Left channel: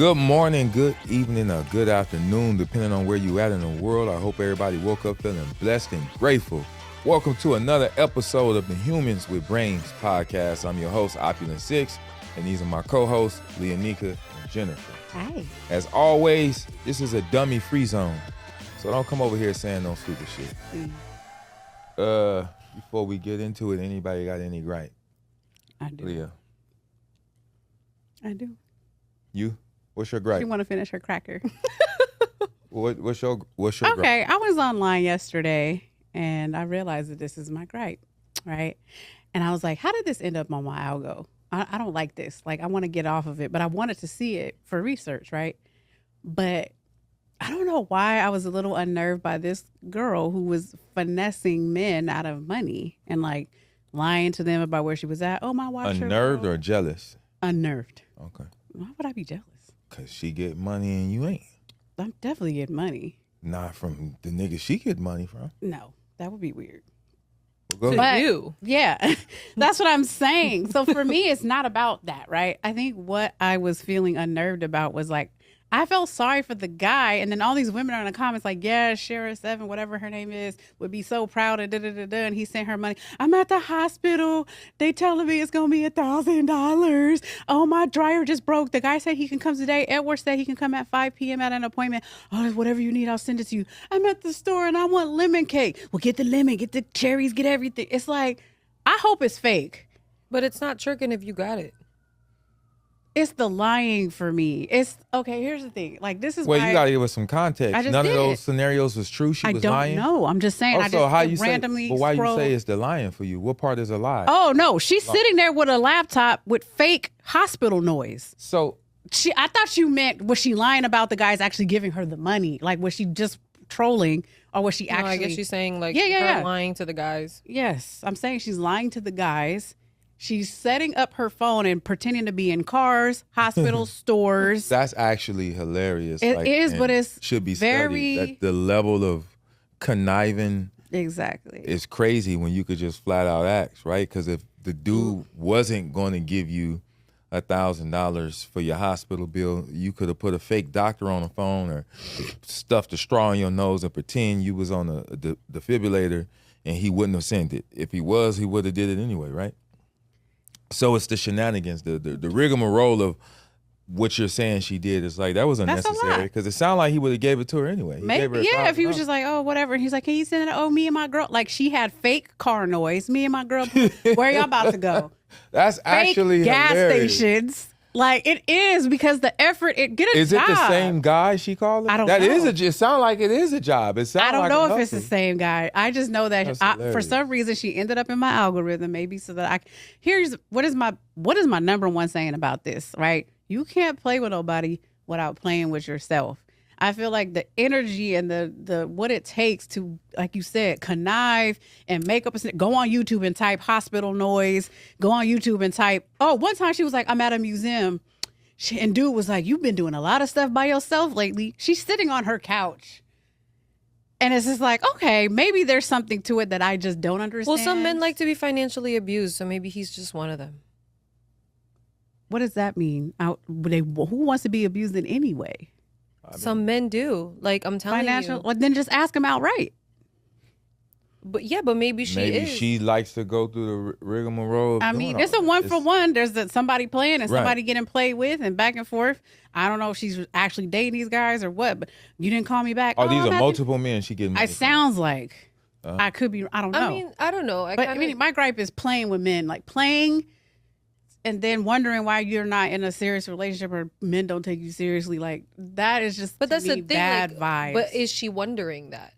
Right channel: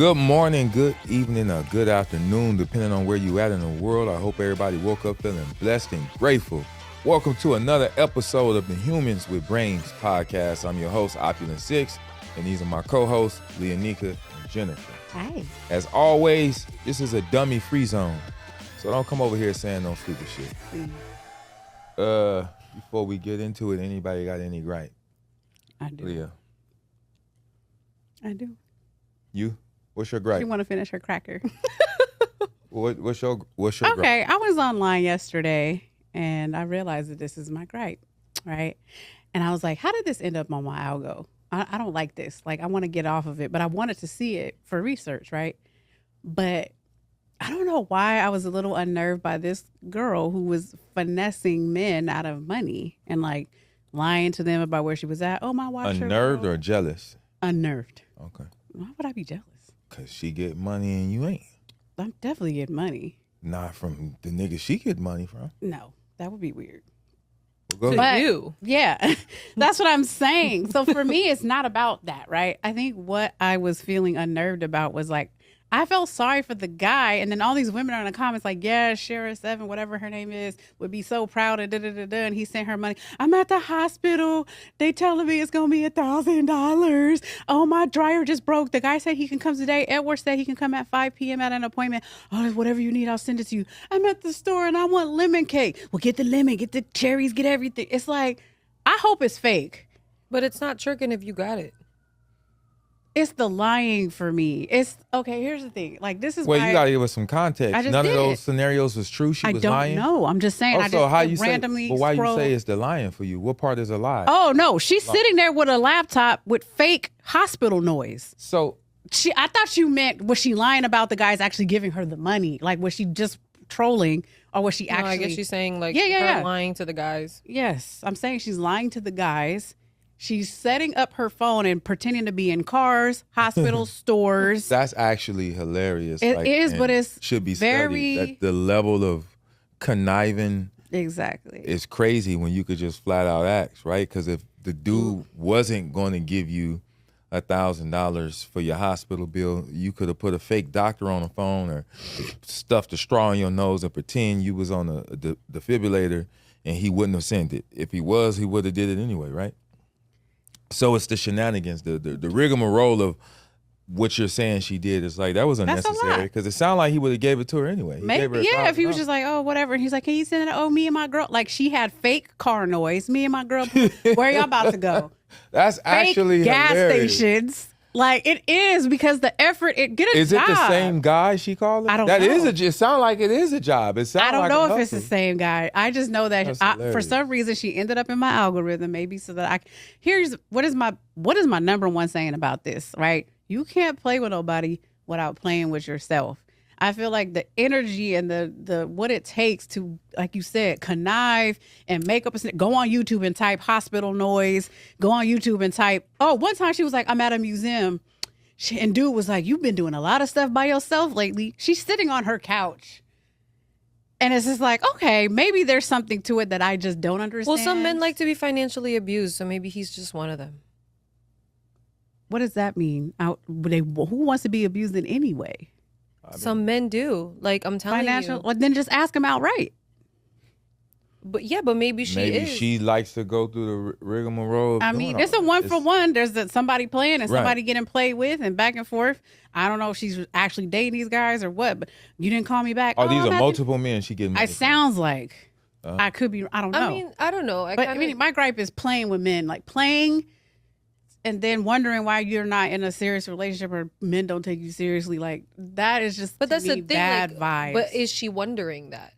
Good morning, good evening, or good afternoon, depending on where you at in the world. I hope everybody woke up feeling blessed and grateful. Welcome to another episode of the Humans with Brains podcast. I'm your host, Opulent Six, and these are my co-hosts, Leonika and Jennifer. Hey. As always, this is a dummy-free zone, so don't come over here saying no stupid shit. Before we get into it, anybody got any gripe? I do. Leah, I do. you? What's your gripe? She want to finish her cracker. What's your gripe? Okay, I was online yesterday and I realized that this is my gripe, right? And I was like, how did this end up on my algo? I don't like this. Like, I want to get off of it, but I wanted to see it for research, right? But I don't know why I was a little unnerved by this girl who was finessing men out of money and like lying to them about where she was at. Oh, my watch. Unnerved or jealous? Unnerved. Okay. Why would I be jealous? Because she get money and you ain't. I'm definitely getting money. Not from the nigga she get money from. No, that would be weird. Go ahead. But, you. yeah, that's what I'm saying. So for me, it's not about that, right? I think what I was feeling unnerved about was like, I felt sorry for the guy. And then all these women are in the comments like, yeah, Shara 7, whatever her name is, would be so proud of da-da-da-da. And he sent her money. I'm at the hospital. They telling me it's going to be $1,000. Oh, my dryer just broke. The guy said he can come today. Edward said he can come at 5 p.m. at an appointment. Oh, whatever you need, I'll send it to you. I'm at the store and I want lemon cake. Well, get the lemon, get the cherries, get everything. It's like, I hope it's fake. But it's not tricking if you got it. It's the lying for me. It's okay. Here's the thing. Like, this is Well, why you gotta give us some context. I just None of did. those scenarios was true. She I was don't lying. know. I'm just saying. Also, I how just you randomly say? But why scroll. you say it's the lying for you? What part is a lie? Oh no, she's sitting there with a laptop with fake hospital noise. So I thought you meant, was she lying about the guys actually giving her the money? Like, was she just trolling, or was she No, actually? I guess she's saying like Yeah. her lying to the guys. Yes, I'm saying she's lying to the guys. She's setting up her phone and pretending to be in cars, hospital stores. that's actually hilarious. It is, but it's should be very- studied. That the level of conniving Exactly. is crazy when you could just flat out ask, right? Because if the dude wasn't going to give you $1,000 for your hospital bill, you could have put a fake doctor on the phone or stuffed a straw in your nose and pretend you was on a defibrillator, and he wouldn't have sent it. If he was, he would have did it anyway, right? So it's the shenanigans, the rigmarole of what you're saying she did. Is like, that was That's a unnecessary lot. because it sounded like he would have gave it to her anyway. He gave her Maybe, yeah, if he was $1,000. just like, oh, whatever. And he's like, can you send it? Oh, me and my girl. Like, she had fake car noise. Me and my girl, where y'all about to go? That's Fake actually gas hilarious. stations. Like, it is, because the effort, get a Is job. it the same guy she called it? I don't That know. is it sounds like it is a job. It sounds I don't like know a if it's the hustle. same guy. I just know that That's for hilarious. some reason she ended up in my algorithm, maybe so that what is my number one saying about this, right? You can't play with nobody without playing with yourself. I feel like the energy and the what it takes to, like you said, connive and make up go on YouTube and type hospital noise, go on YouTube and type, oh, one time she was like, I'm at a museum. And dude was like, you've been doing a lot of stuff by yourself lately. She's sitting on her couch. And it's just like, okay, maybe there's something to it that I just don't understand. Well, some men like to be financially abused, so maybe he's just one of them. What does that mean? Who wants to be abused in any way? Some men do. Like, I'm telling Financial? you. Well, then just ask him outright. But yeah, but maybe she Maybe is. she likes to go through the rigmarole. Of I doing mean, all there's a that. one It's- for one. There's somebody playing and Right. somebody getting played with and back and forth. I don't know if she's actually dating these guys or what, but you didn't call me back. Oh, these are that- multiple men she getting money It from. sounds like. Uh-huh. I could be, I don't know. I mean, I don't know. But I mean, my gripe is playing with men, like playing and then wondering why you're not in a serious relationship or men don't take you seriously. Like, that is just, But that's to the me, thing. bad Like, vibes. but is she wondering that?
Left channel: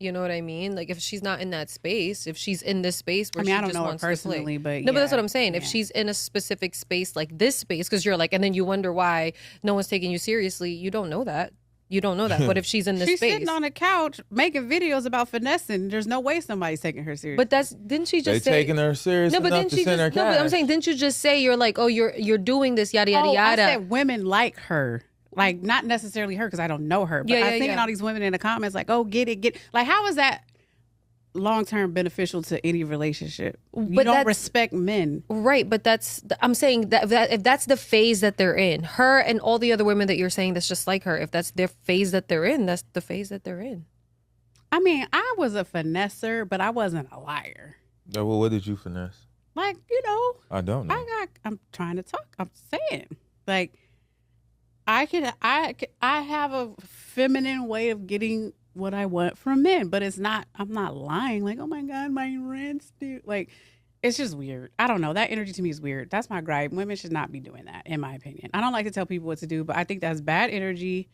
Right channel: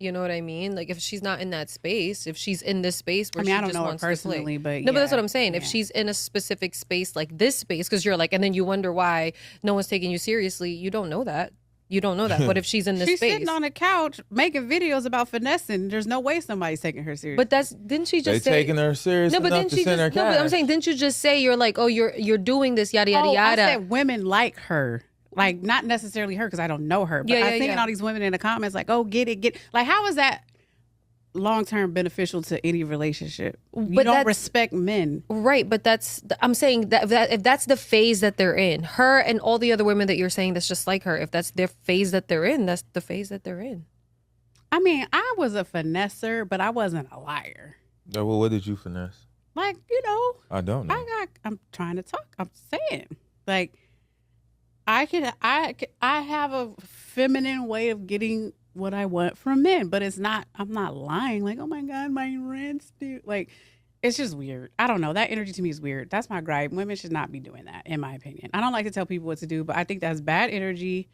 You know what I mean? Like, if she's not in that space, if she's in this space where I mean, she I don't just know her wants to play. personally, but No, but that's yeah, what I'm saying. If yeah. she's in a specific space like this space, because you're like, and then you wonder why no one's taking you seriously, you don't know that. You don't know that. What if she's in this She's space? sitting on a couch making videos about finessing. There's no way somebody's taking her seriously. But didn't she They just say? taking her serious No, but enough didn't to she send just? her No, cash. but I'm saying, didn't you just say you're like, oh, you're doing this yada yada I yada? said women like her. Like, not necessarily her because I don't know her. But Yeah, I'm yeah, thinking yeah. all these women in the comments like, oh, get it. Like, how is that? long-term beneficial to any relationship. You But don't that's- respect men. Right, but I'm saying that if that's the phase that they're in, her and all the other women that you're saying that's just like her, if that's their phase that they're in, that's the phase that they're in. I mean, I was a finesser, but I wasn't a liar. Yeah, well, what did you finesse? Like, you know, I don't know. I'm trying to talk. I'm saying, like, I have a feminine way of getting what I want from men, but I'm not lying. Like, oh my God, my rent's due. Like, it's just weird. I don't know. That energy to me is weird. That's my gripe. Women should not be doing that, in my opinion. I don't like to tell people what to do, but I think that's bad energy.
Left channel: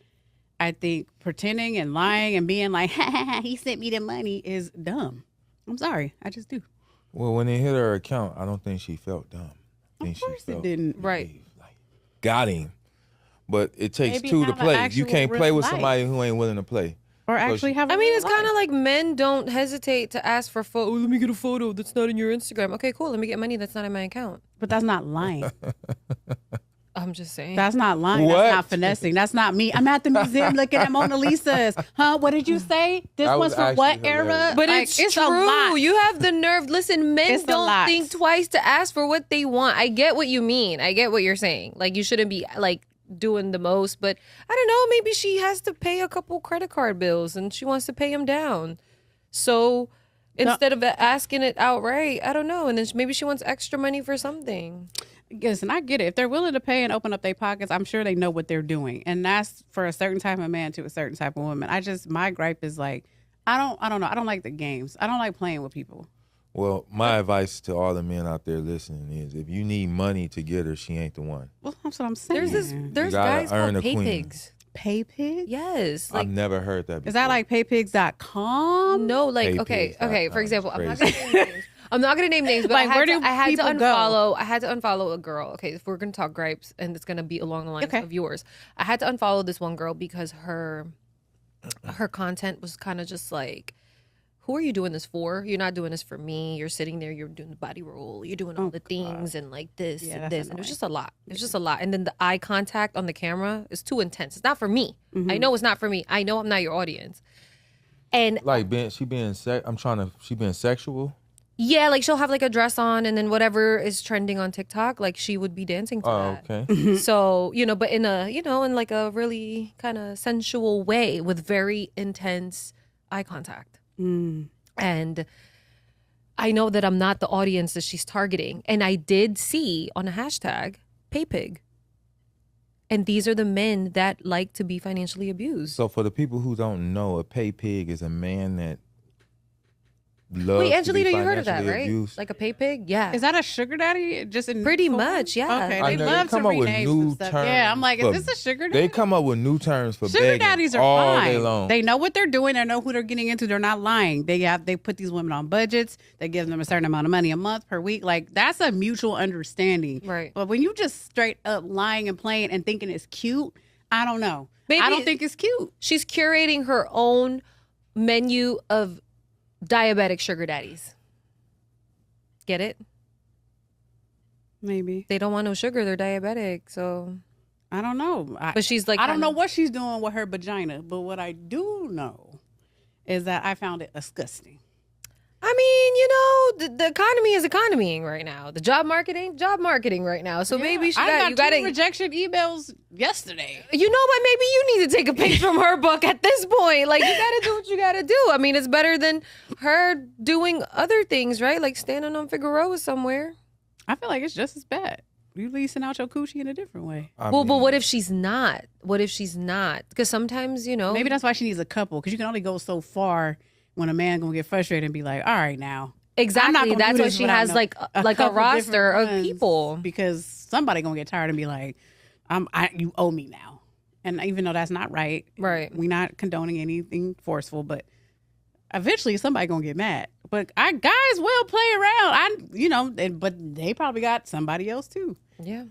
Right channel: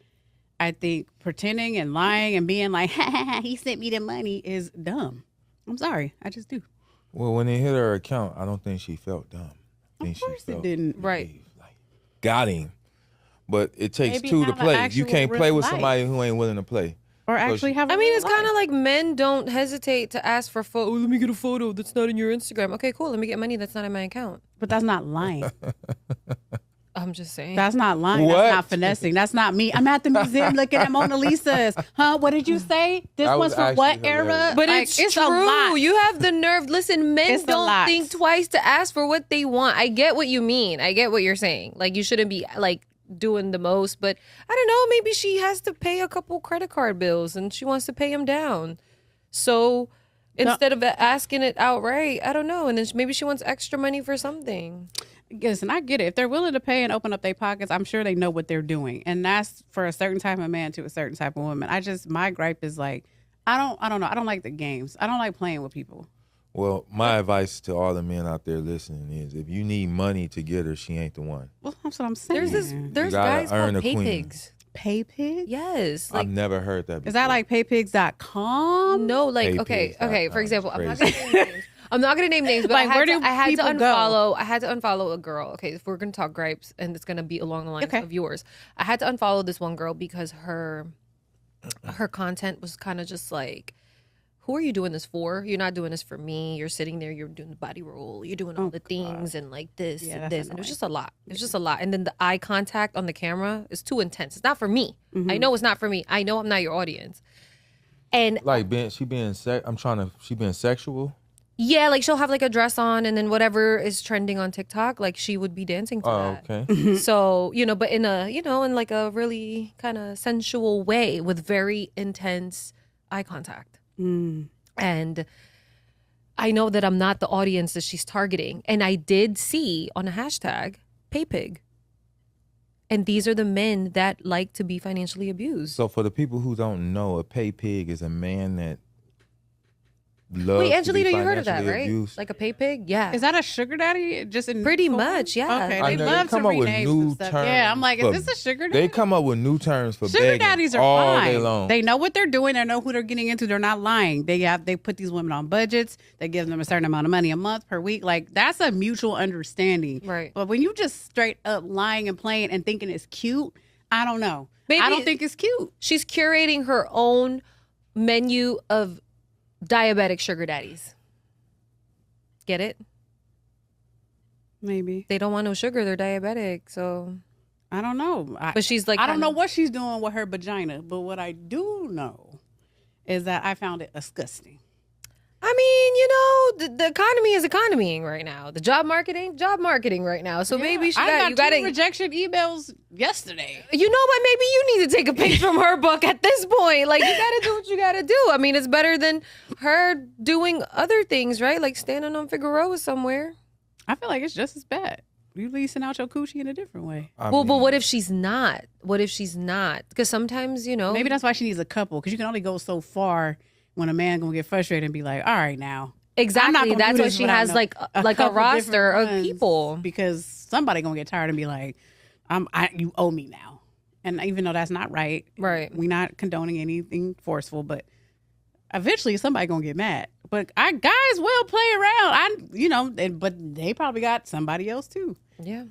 I think pretending and lying and being like, ha, ha, ha, he sent me the money is dumb. I'm sorry. I just do. Well, when it hit her account, I don't think she felt dumb. I think Of course she it felt didn't. Right. like, got him. But it takes Maybe two to have an play. You actual can't play real with life. somebody who ain't willing to play. Or actually have a I mean, real it's kind of life. like men don't hesitate to ask for photo. Oh, let me get a photo that's not in your Instagram. Okay, cool. Let me get money that's not in my account. But that's not lying. I'm just saying. That's not lying. What? That's not finessing. That's not me. I'm at the museum looking at Mona Lisa's. Huh? What did you say? This That one's was from what actually era? hilarious. But Like, it's a true. lot. You have the nerve. Listen, men It's a don't lot. think twice to ask for what they want. I get what you mean. I get what you're saying. Like, you shouldn't be like doing the most, but I don't know, maybe she has to pay a couple credit card bills and she wants to pay them down. So instead of asking it outright, I don't know, and then maybe she wants extra money for something. Listen, I get it. If they're willing to pay and open up their pockets, I'm sure they know what they're doing. And that's for a certain type of man to a certain type of woman. My gripe is like, I don't know. I don't like the games. I don't like playing with people. Well, my advice to all the men out there listening is if you need money to get her, she ain't the one. Well, that's what I'm saying. There's gotta guys earn called a pay queen. pigs. Pay pig? Yes. Like, I've never heard that before. Is that like paypigs.com? no, like, Pay okay, pigs. for example, I'm not Crazy. gonna name names. I'm not gonna name names, but Like, I where do had to people go? unfollow. I had to unfollow a girl. Okay, if we're gonna talk gripes, and it's gonna be along the lines Okay. of yours, I had to unfollow this one girl because her content was kind of just like, who are you doing this for? You're not doing this for me. You're sitting there, you're doing the body roll, you're doing all the things and like this Yeah, and that's this. And it was annoying. just a lot. It was just a lot. And then the eye contact on the camera is too intense. It's not for me. I know it's not for me. I know I'm not your audience. And Like she being sexual? yeah, like she'll have like a dress on and then whatever is trending on TikTok, like she would be dancing to Oh, that. okay. So, but in in like a really kind of sensual way with very intense eye contact. And I know that I'm not the audience that she's targeting. And I did see on a hashtag, paypig. And these are the men that like to be financially abused. So for the people who don't know, a pay pig is a man that loves Wait, to Angelina, be you heard of that, financially right? abused. Like a pay pig? Yeah. Is that a sugar daddy? Just in Pretty much, yeah. Okay, I they know, love they come to up with rename new some stuff. terms. Yeah, I'm like, for- is this a sugar daddy? They come up with new terms for Sugar begging daddies are all fine. day long. They know what they're doing. They know who they're getting into. They're not lying. They put these women on budgets. They give them a certain amount of money a month per week. Like, that's a mutual understanding. Right. But when you just straight up lying and playing and thinking it's cute, I don't know. Maybe I don't think it's cute. She's curating her own menu of diabetic sugar daddies. Get it? Maybe. They don't want no sugar. They're diabetic. So, I don't know. but she's like, I don't know what she's doing with her vagina, but what I do know is that I found it disgusting. I mean, the economy is economying right now. The job marketing right now. So maybe you I got got two to, rejection emails yesterday. but maybe you need to take a page from her book at this point. Like, you got to do what you got to do. I mean, it's better than her doing other things, right? Like standing on Figueroa somewhere. I feel like it's just as bad. You leasing out your coochie in a different way. I Well, but mean, what if she's not? What if she's not? Because sometimes, Maybe that's why she needs a couple, because you can only go so far when a man gonna get frustrated and be like, all right now. I'm not exactly. gonna That's do why this she without has no- like a couple roster different of ones, people. because somebody gonna get tired and be like, you owe me now. And even though that's not right, Right. we're not condoning anything forceful, but eventually somebody gonna get mad. But guys will play around. But they probably got somebody else too. Yeah.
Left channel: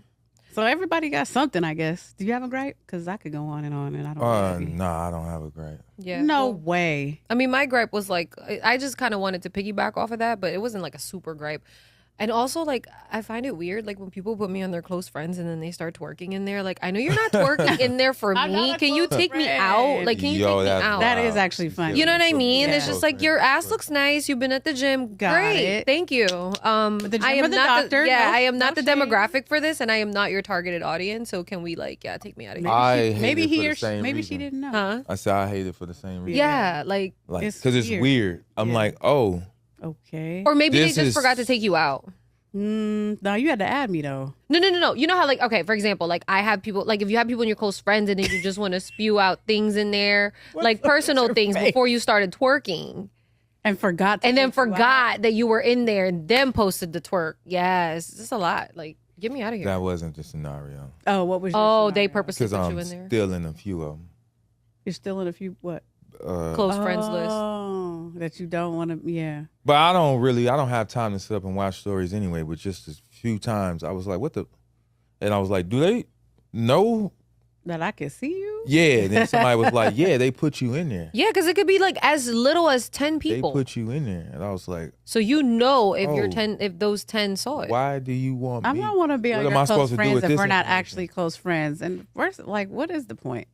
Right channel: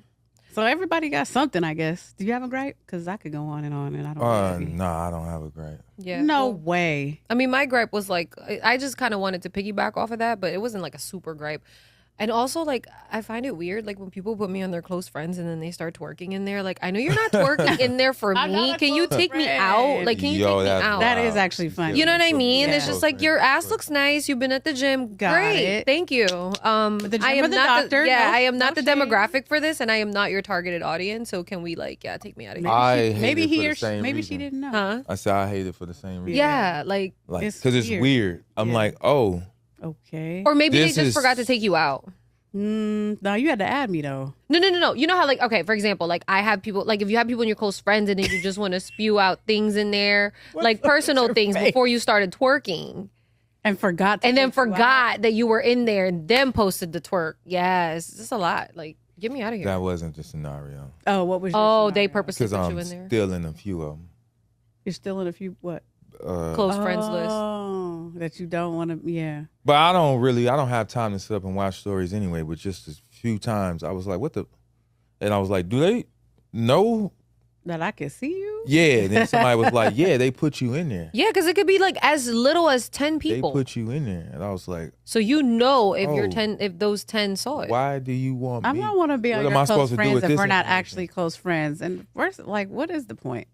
So everybody got something, I guess. Do you have a gripe? Because I could go on, and I don't. nah, I don't have a gripe. Yeah. No well, way. I mean, my gripe was like, I just kind of wanted to piggyback off of that, but it wasn't like a super gripe. And also, like, I find it weird, like, when people put me on their close friends and then they start twerking in there. Like, I know you're not twerking in there for I'm me. not a Can you close take me friend. out? Like, can you take me that's out? That wild. is actually funny. You know what I mean? Yeah. It's just like, your ass looks nice. You've been at the gym. Got Great. it. Thank you. the gym I or am the not doctor? yeah, No- I am not no the shade. demographic for this, and I am not your targeted audience. So can we, like, take me out of here? I hate Maybe it for he the or she, same maybe reason. she didn't know. Huh? I said I hate it for the same reason. Yeah, like, Like, It's because it's weird. weird. I'm Yeah. like, oh, Okay. or maybe This they just is- forgot to take you out. No, you had to add me though. No. You know how, like, okay, for example, like, I have people, like, if you have people in your close friends and then you just want to spew out things in there, like, personal your things face? before you started twerking, And forgot. and then take you out. forgot that you were in there and then posted the twerk. Yeah, it's just a lot. Like, get me out of here. that wasn't the scenario. Oh, what was? Your Oh, they scenario? purposely Because put I'm you in there. still in a few of them. You're still in a few what? Close friends list. Oh, that you don't want to. Yeah. But I don't have time to sit up and watch stories anyway. But just a few times, I was like, what the? And I was like, do they know? That I can see you. Yeah. And then somebody was like, yeah, they put you in there. Yeah, because it could be like as little as 10 They people. put you in there. And I was like, So you know if you're Oh. 10, if those 10 saw it. why do you want I me? don't want to be on What your am I close supposed to do friends with if this we're not information? actually close friends. And first, like, what is the point?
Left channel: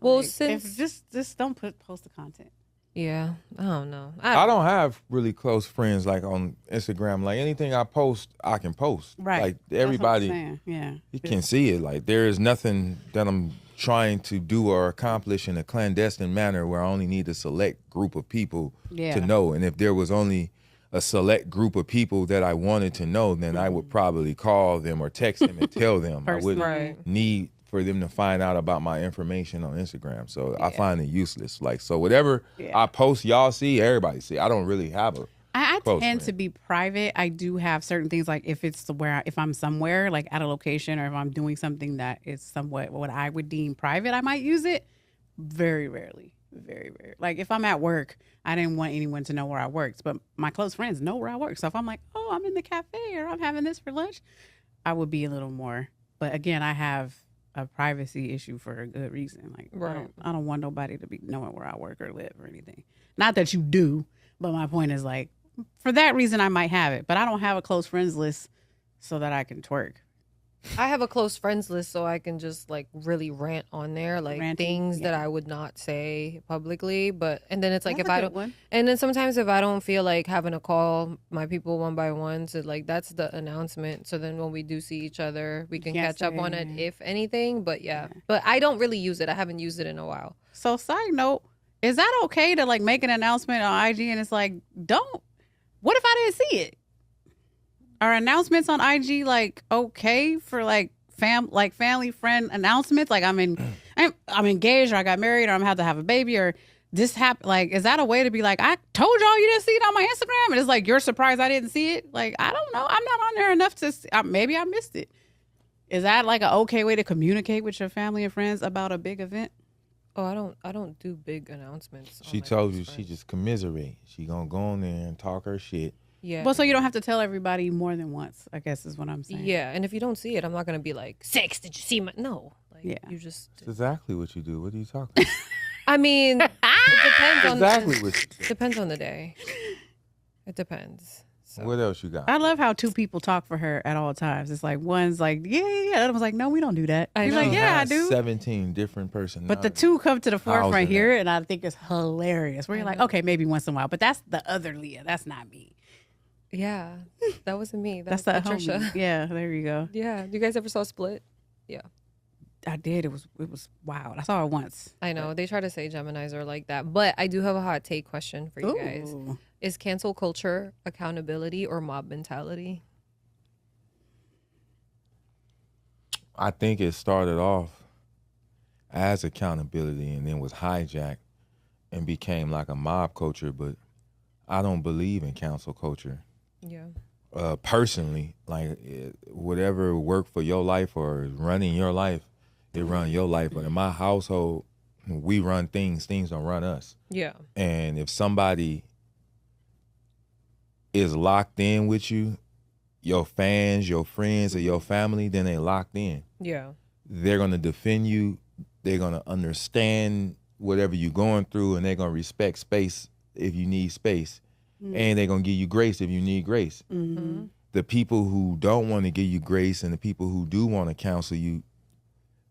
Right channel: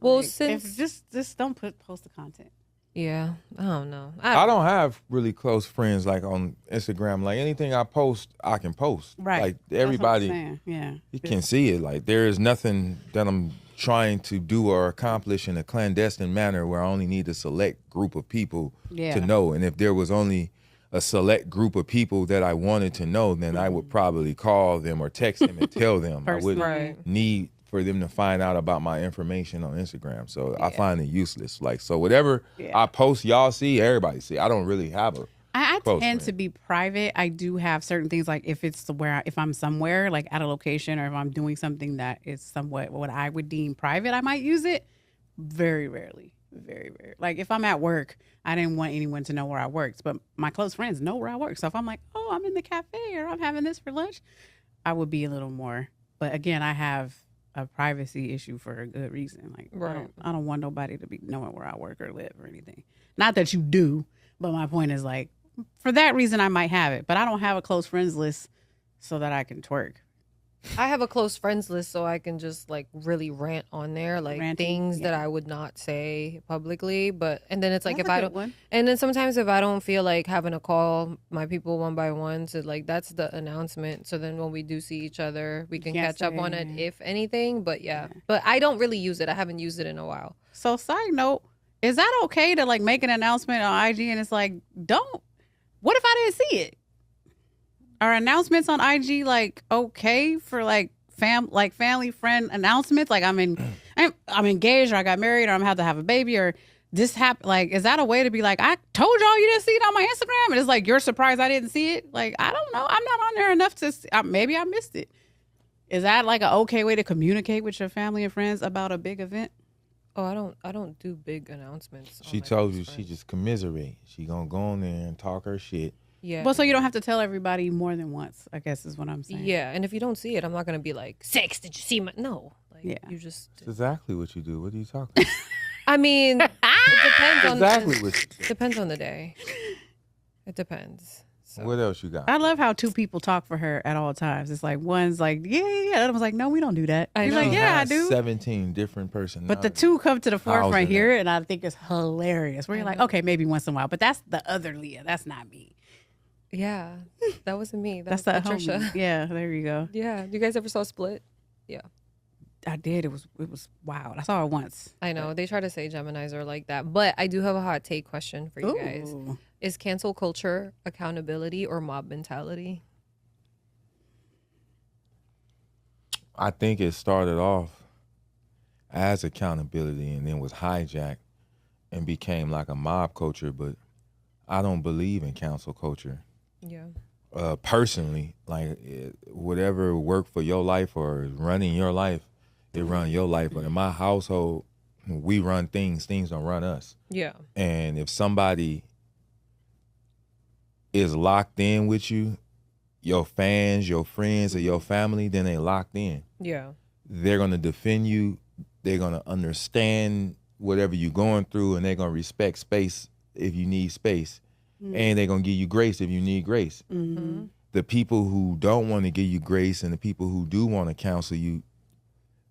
Well, Like, since if just don't post the content. yeah, I don't know. I don't have really close friends like on Instagram. Like anything I post, I can post. Right. Like That's what I'm everybody, saying. Yeah. you can see it. Like there is nothing that I'm trying to do or accomplish in a clandestine manner where I only need a select group of people Yeah. to know. And if there was only a select group of people that I wanted to know, then I would probably call them or text them and tell them. I wouldn't Right. need for them to find out about my information on Instagram. So I find it useless. Like, so whatever Yeah. I post, y'all see, everybody see. I don't really have a I Close tend friend. to be private. I do have certain things like if it's if I'm somewhere like at a location or if I'm doing something that is somewhat what I would deem private, I might use it. Very rarely, very rare. Like if I'm at work, I didn't want anyone to know where I worked, but my close friends know where I work. So if I'm like, oh, I'm in the cafe or I'm having this for lunch, I would be a little more. But again, I have a privacy issue for a good reason. Like Right. I don't want nobody to be knowing where I work or live or anything. Not that you do, but my point is like for that reason I might have it, but I don't have a close friends list so that I can twerk. I have a close friends list so I can just like really rant on there, like Ranting, things that yeah. I would not say publicly. But and then it's like That's if a I good don't, one. and then sometimes if I don't feel like having to call my people one by one, so like that's the announcement. So then when we do see each other, we can Can't catch up on it say. if anything. But yeah, but I don't really use it. I haven't used it in a while. So side note, is that okay to like make an announcement on IG and it's like, don't, what if I didn't see it? Are announcements on IG like okay for like family friend announcements? Like I'm engaged or I got married or I'm about to have a baby or this happened. Like, is that a way to be like, I told y'all you didn't see it on my Instagram? And it's like, you're surprised I didn't see it? Like, I don't know. I'm not on there enough to see, maybe I missed it. Is that like an okay way to communicate with your family and friends about a big event? Oh, I don't do big announcements. on She my told close you she friends. just commiserate. She gonna go on there and talk her shit. Yeah. Well, so you don't have to tell everybody more than once, I guess is what I'm saying. Yeah, and if you don't see it, I'm not gonna be like, "Six, did you see my?" No, like Yeah. you just. That's exactly what you do. What are you talking about? I mean, it depends on Exactly what you do. depends on the day. It depends. So. What else you got? I love how two people talk for her at all times. It's like one's like, yeah, the other one's like, no, we don't do that. I You're know. like, She yeah, I has do. 17 different But personalities. the two come to the How's forefront it here, and I think it's hilarious. Where you're like, okay, maybe once in a while, but that's the other Leah. That's not me. Yeah, that wasn't me. That's That that was homie. Patricia. Yeah, there you go. Yeah, you guys ever saw Split? I did. It was wild. I saw it once. I know they try to say Geminis are like that, but I do have a hot take question for you guys: Ooh. Is cancel culture accountability or mob mentality? I think it started off as accountability and then was hijacked and became like a mob culture, but I don't believe in cancel culture. Yeah. Personally, like whatever worked for your life or is running your life, it run your life. But in my household, we run things don't run us. Yeah. And if somebody is locked in with you, your fans, your friends, or your family, then they locked in. Yeah. They're gonna defend you. They're gonna understand whatever you're going through, and they're gonna respect space if you need space, and they're gonna give you grace if you need grace. Mm-hmm. the people who don't want to give you grace and the people who do want to counsel you,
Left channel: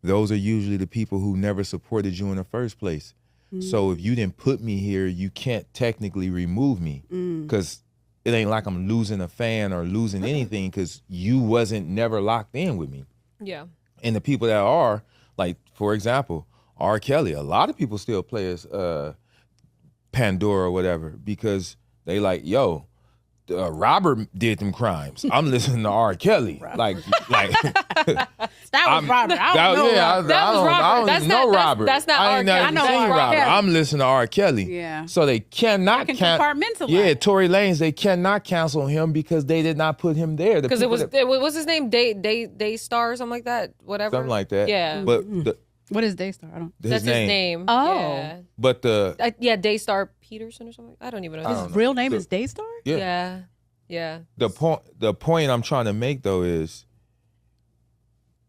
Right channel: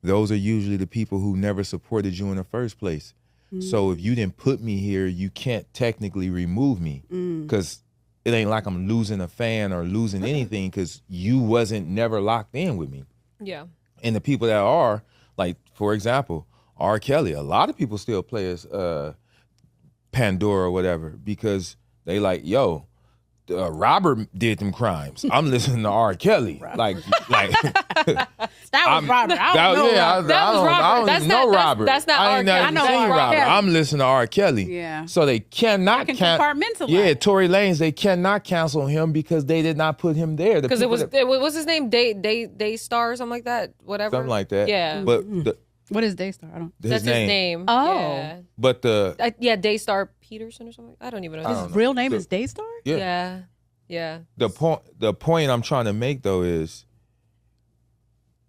those are usually the people who never supported you in the first place. So if you didn't put me here, you can't technically remove me, because it ain't like I'm losing a fan or losing anything, because you wasn't never locked in with me. Yeah. And the people that are, like, for example, R. Kelly, a lot of people still play as Pandora or whatever, because they like, yo, Robert did them crimes. I'm listening to R. Kelly. like That was Robert. I don't know. I don't even know Robert. That's not I R. ain't Kelly. never I know seen R. Robert. Kelly. I'm listening to R. Kelly. Yeah. So they cannot I can compartmentalize. Yeah, Tory Lanez, they cannot cancel him because they did not put him there. Because it was his name Daystar or something like that, whatever. something like that. Yeah. But What is Daystar? I don't. That's his name. Oh. Yeah. But Yeah, Daystar Peterson or something. I don't even know. His real name is Daystar? yeah. Yeah. The point I'm trying to make though is,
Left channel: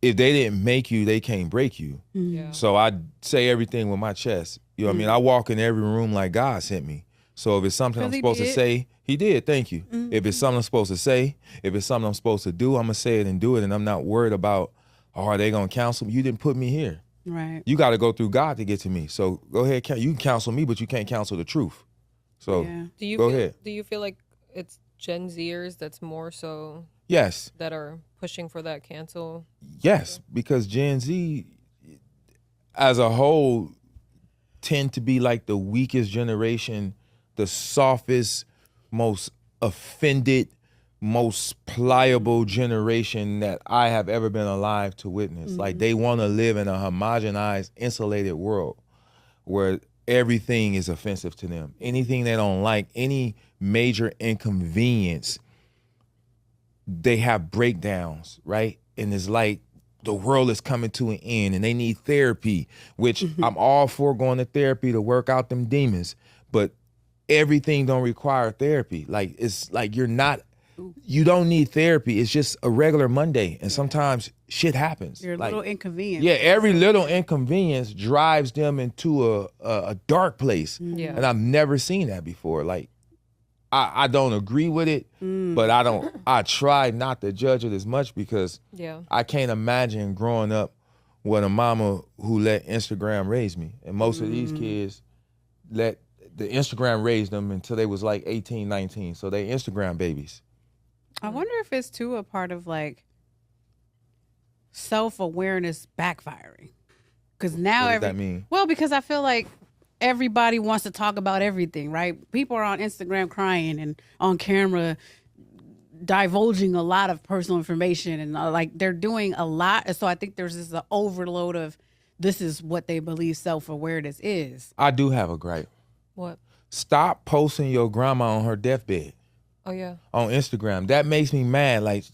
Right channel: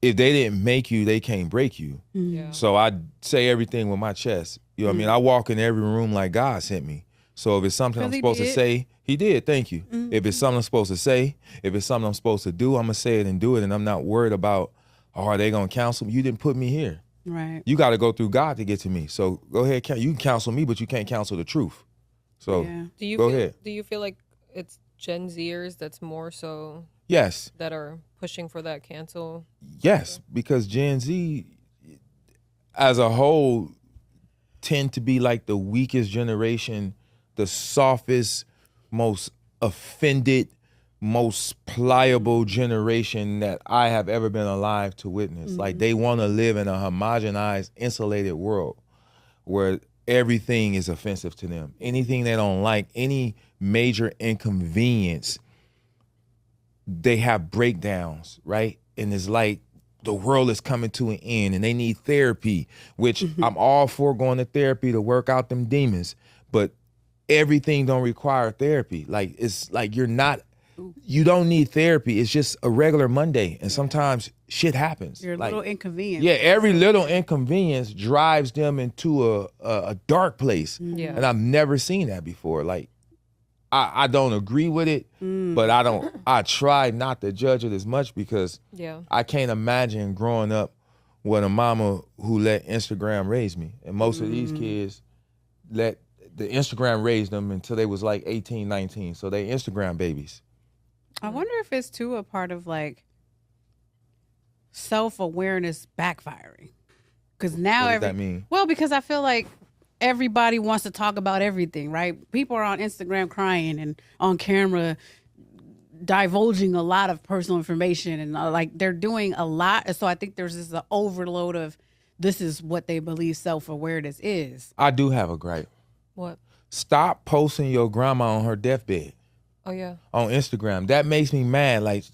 if they didn't make you, they can't break you. Yeah. So I say everything with my chest. You know what I mean? I walk in every room like God sent me. So if it's something I'm supposed to say, he did, thank you. If it's something I'm supposed to say, if it's something I'm supposed to do, I'm going to say it and do it. And I'm not worried about, are they going to counsel me? You didn't put me here. Right. You got to go through God to get to me. So go ahead. You can counsel me, but you can't counsel the truth. So go ahead. Do you feel like it's Gen Zers that's more so Yes. that are pushing for that cancel? Yes, because Gen Z as a whole tend to be like the weakest generation, the softest, most offended, most pliable generation that I have ever been alive to witness. Like, they want to live in a homogenized, insulated world where everything is offensive to them. Anything they don't like, any major inconvenience, they have breakdowns, right? And it's like the world is coming to an end and they need therapy, which I'm all for going to therapy to work out them demons, but everything don't require therapy. Like, it's like you don't need therapy. It's just a regular Monday, and sometimes shit happens. Your little inconvenience. Yeah, every little inconvenience drives them into a dark place. Yeah. And I've never seen that before. Like, I don't agree with it, but I try not to judge it as much, because I can't imagine growing up with a mama who let Instagram raise me. And most of these kids let the Instagram raise them until they was like 18, 19. So they Instagram babies. I wonder if it's too a part of like self-awareness backfiring. Because now What does that mean? Well, because I feel like everybody wants to talk about everything, right? People are on Instagram crying and on camera divulging a lot of personal information, and like they're doing a lot. And so I think there's this overload of, this is what they believe self-awareness is. I do have a gripe. What? Stop posting your grandma on her deathbed. Oh yeah. On Instagram. That makes me mad. Like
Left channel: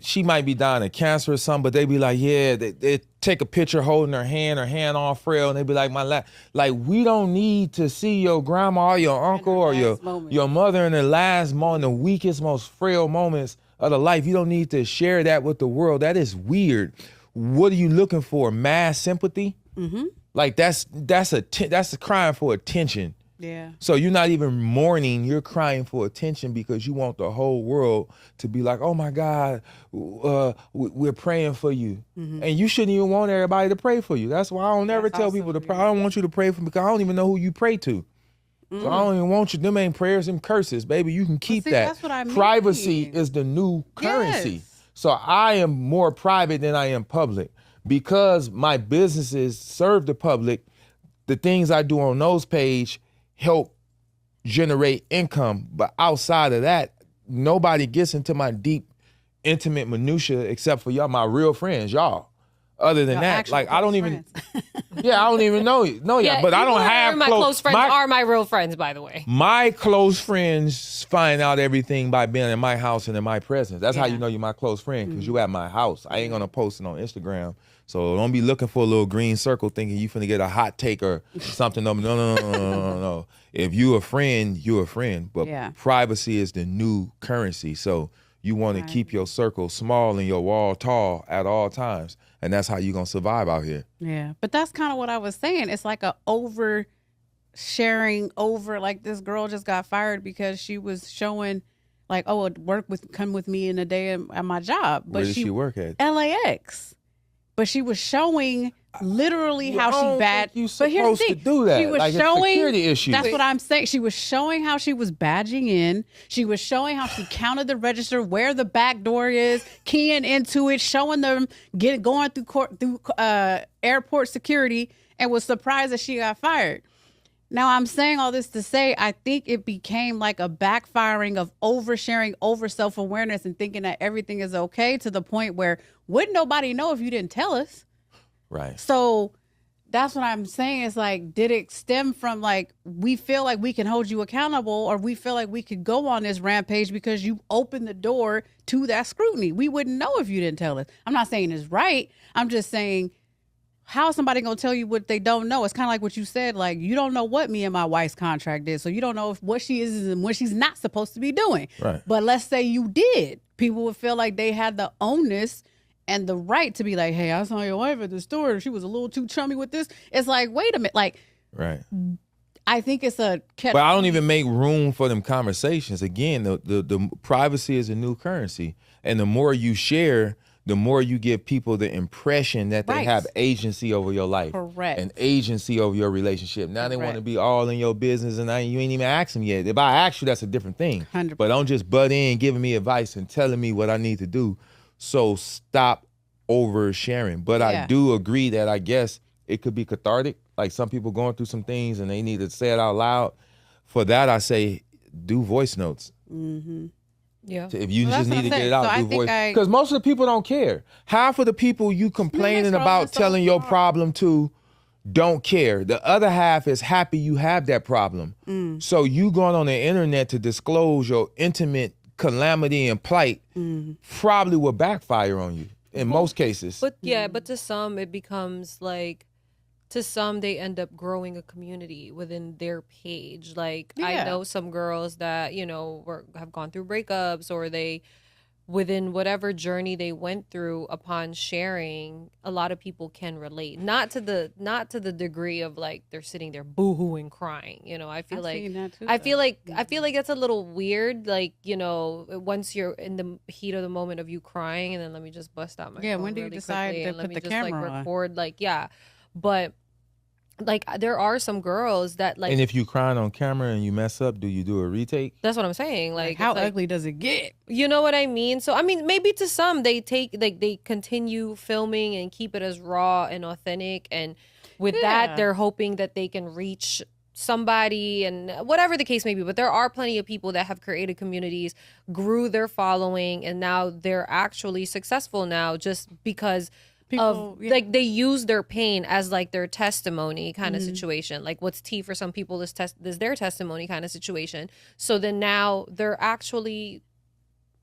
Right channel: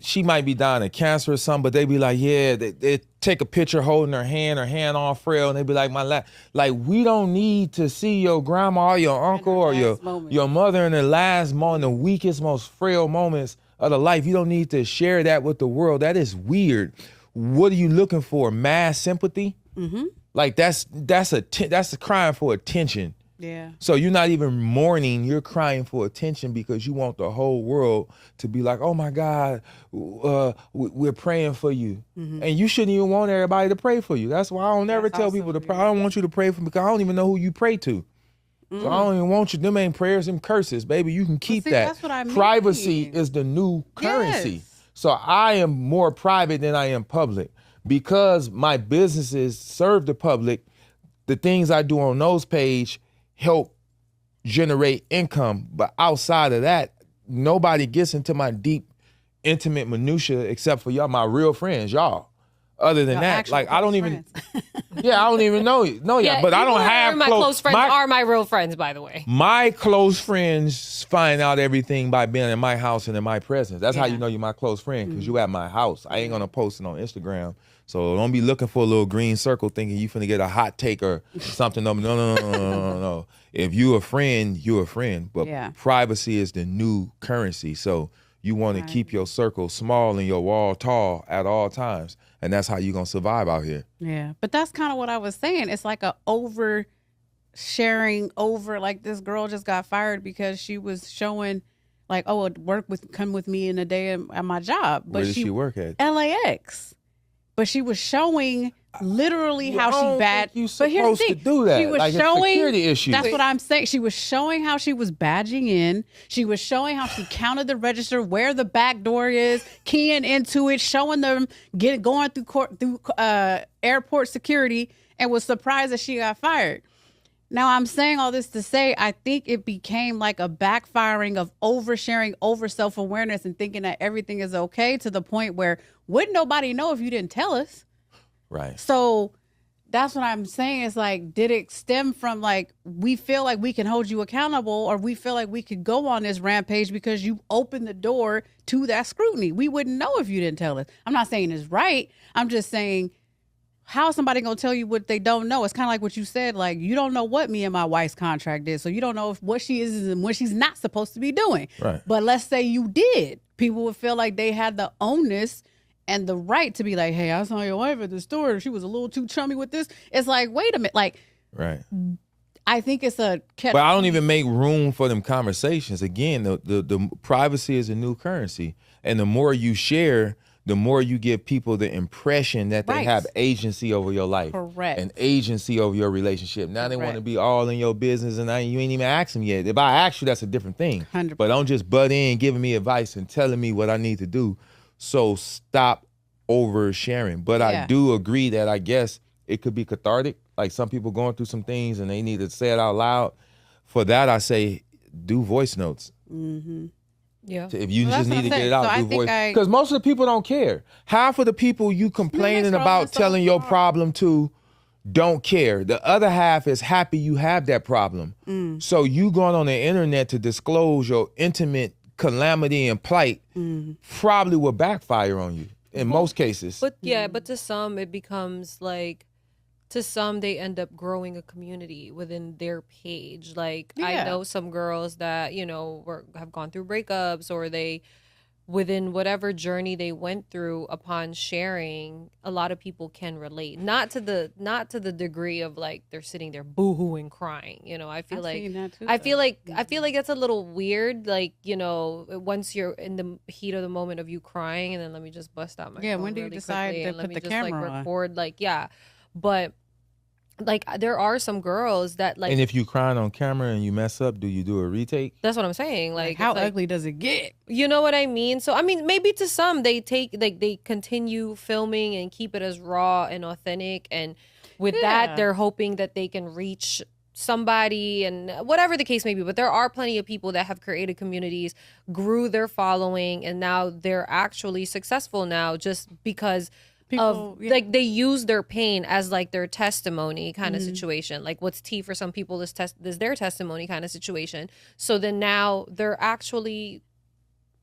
she might be dying of cancer or something, but they be like, yeah, they take a picture holding her hand all frail, and they be like, like, we don't need to see your grandma or your uncle or your mother in the last moment, the weakest, most frail moments of the life. You don't need to share that with the world. That is weird. What are you looking for? Mass sympathy? Mm-hmm. Like, that's crying for attention. Yeah. So you're not even mourning, you're crying for attention because you want the whole world to be like, oh my God, we're praying for you. Mm-hmm. And you shouldn't even want everybody to pray for you. That's why I don't ever tell people to pray. I don't want you to pray for me because I don't even know who you pray to. Mm-hmm. So I don't even want you. Them ain't prayers, them curses, baby. You can keep that. That's what I mean. Privacy is the new currency. Yes. So I am more private than I am public. Because my businesses serve the public, the things I do on those pages help generate income. But outside of that, nobody gets into my deep, intimate minutia except for y'all, my real friends, y'all. Other than that, like, I don't even, I don't even know y'all. But I don't have my close friends are my real friends, by the way. My close friends find out everything by being in my house and in my presence. That's how you know you're my close friend, because you at my house. I ain't gonna post it on Instagram. So don't be looking for a little green circle thinking you finna get a hot take or something. No. If you a friend, you a friend. But privacy is the new currency. So you want to keep your circle small and your wall tall at all times. And that's how you're going to survive out here. Yeah. But that's kind of what I was saying. It's like a oversharing over, like this girl just got fired because she was showing like, oh, come with me in a day at my job. But Where did she work at? LAX. But she was showing literally how I don't she bad. think you But here's the supposed to thing. do that. She was Like, it's showing security issues. That's what I'm saying. She was showing how she was badging in. She was showing how she counted the register, where the back door is, keying into it, showing them going through airport security, and was surprised that she got fired. Now, I'm saying all this to say, I think it became like a backfiring of oversharing, over self-awareness, and thinking that everything is okay, to the point where wouldn't nobody know if you didn't tell us? Right. So that's what I'm saying. Is like, did it stem from like, we feel like we can hold you accountable, or we feel like we could go on this rampage because you opened the door to that scrutiny? We wouldn't know if you didn't tell us. I'm not saying it's right. I'm just saying, how is somebody going to tell you what they don't know? It's kind of like what you said, like, you don't know what me and my wife's contract is, so you don't know what she is and what she's not supposed to be doing. Right. But let's say you did. People would feel like they had the onus and the right to be like, hey, I saw your wife at the store. She was a little too chummy with this. It's like, wait a minute. Like, right. I think it's a... But I don't even make room for them conversations. Again, the privacy is a new currency. And the more you share, the more you give people the impression that they Right. have agency over your life. Correct. And agency over your relationship. Now they want to Correct. be all in your business, and you ain't even asked them yet. If I ask you, that's a different thing. 100%. But don't just butt in giving me advice and telling me what I need to do. So stop oversharing. But I Yeah. do agree that I guess it could be cathartic. Like, some people going through some things and they need to say it out loud. For that, I say, do voice notes. Mm-hmm. Yeah. If you Well, just that's need what to I'm get saying. it out, So I do think voice. Because most of the people don't care. Half of the people you complaining scrolling about so telling your far. problem to don't care. The other half is happy you have that problem. So you going on the internet to disclose your intimate calamity and plight probably will backfire on you in most cases. But yeah, but to some it becomes like, to some they end up growing a community within their page. Like, Yeah. I know some girls that, have gone through breakups, or they, within whatever journey they went through, upon sharing, a lot of people can relate. Not to the degree of like they're sitting there boohooing crying. I feel I've like seen that too, I though. feel like that's a little weird. Like, once you're in the heat of the moment of you crying, and then let me just bust out my Yeah, phone when do you really decide quickly to and let put me the just like camera on? record, like, yeah. But like, there are some girls that like, And if you crying on camera and you mess up, do you do a retake? that's what I'm saying. Like, how it's like, ugly does it get? you know what I mean? So I mean, maybe to some they continue filming and keep it as raw and authentic, and with Yeah. that they're hoping that they can reach somebody, and whatever the case may be. But there are plenty of people that have created communities, grew their following, and now they're actually successful now, just because People, of like, they use their pain as like their testimony kind of Mm-hmm. situation. Like, what's tea for some people is their testimony kind of situation. So then now they're actually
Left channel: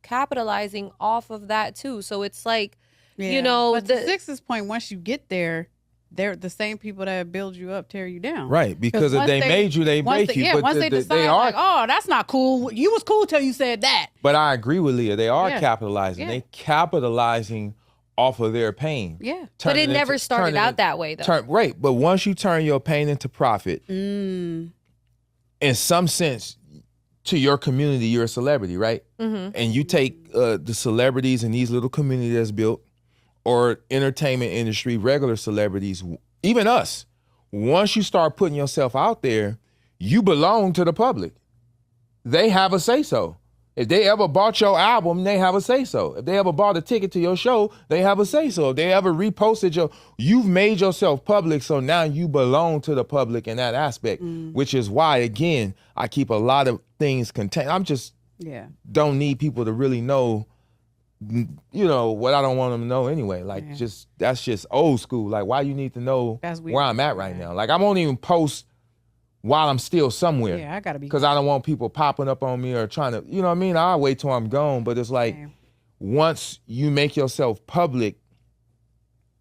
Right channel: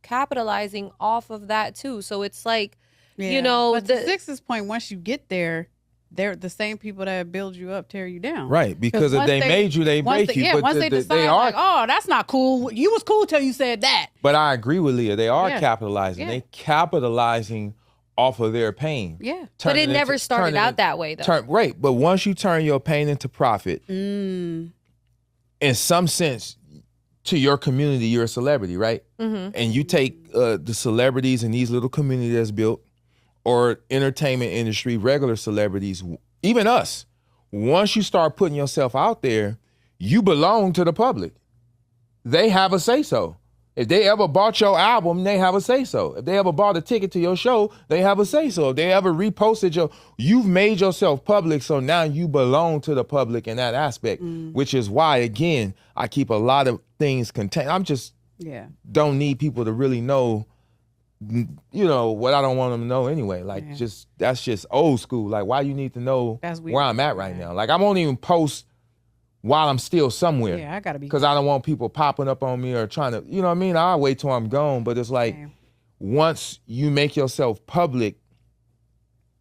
capitalizing off of that too. So it's like, But to Six's point, once you get there, they're the same people that build you up, tear you down. Right, because if once they made you, they once break you. Yeah, but once they decide, like, oh, that's not cool. You was cool till you said that. But I agree with Leah. They are Yeah. capitalizing. Yeah. They capitalizing off of their pain. Yeah. but Turning it never into- started turning out into- that way though. Right, but once you turn your pain into profit, Mm. in some sense, to your community, you're a celebrity, right? Mm-hmm. And you take the celebrities in these little communities that's built, or entertainment industry, regular celebrities, even us. Once you start putting yourself out there, you belong to the public. They have a say-so. If they ever bought your album, they have a say-so. If they ever bought a ticket to your show, they have a say-so. If they ever reposted you've made yourself public, so now you belong to the public in that aspect, which is why, again, I keep a lot of things contained. Yeah. Don't need people to really know, what I don't want them to know anyway. Like, Yeah. that's just old school. Like, why you need to know That's weird. where I'm at right now? Like, I won't even post while I'm still somewhere. Yeah, I gotta be. Because I don't want people popping up on me or trying to, you know what I mean? I'll wait till I'm gone. But it's like, Yeah. once you make yourself public,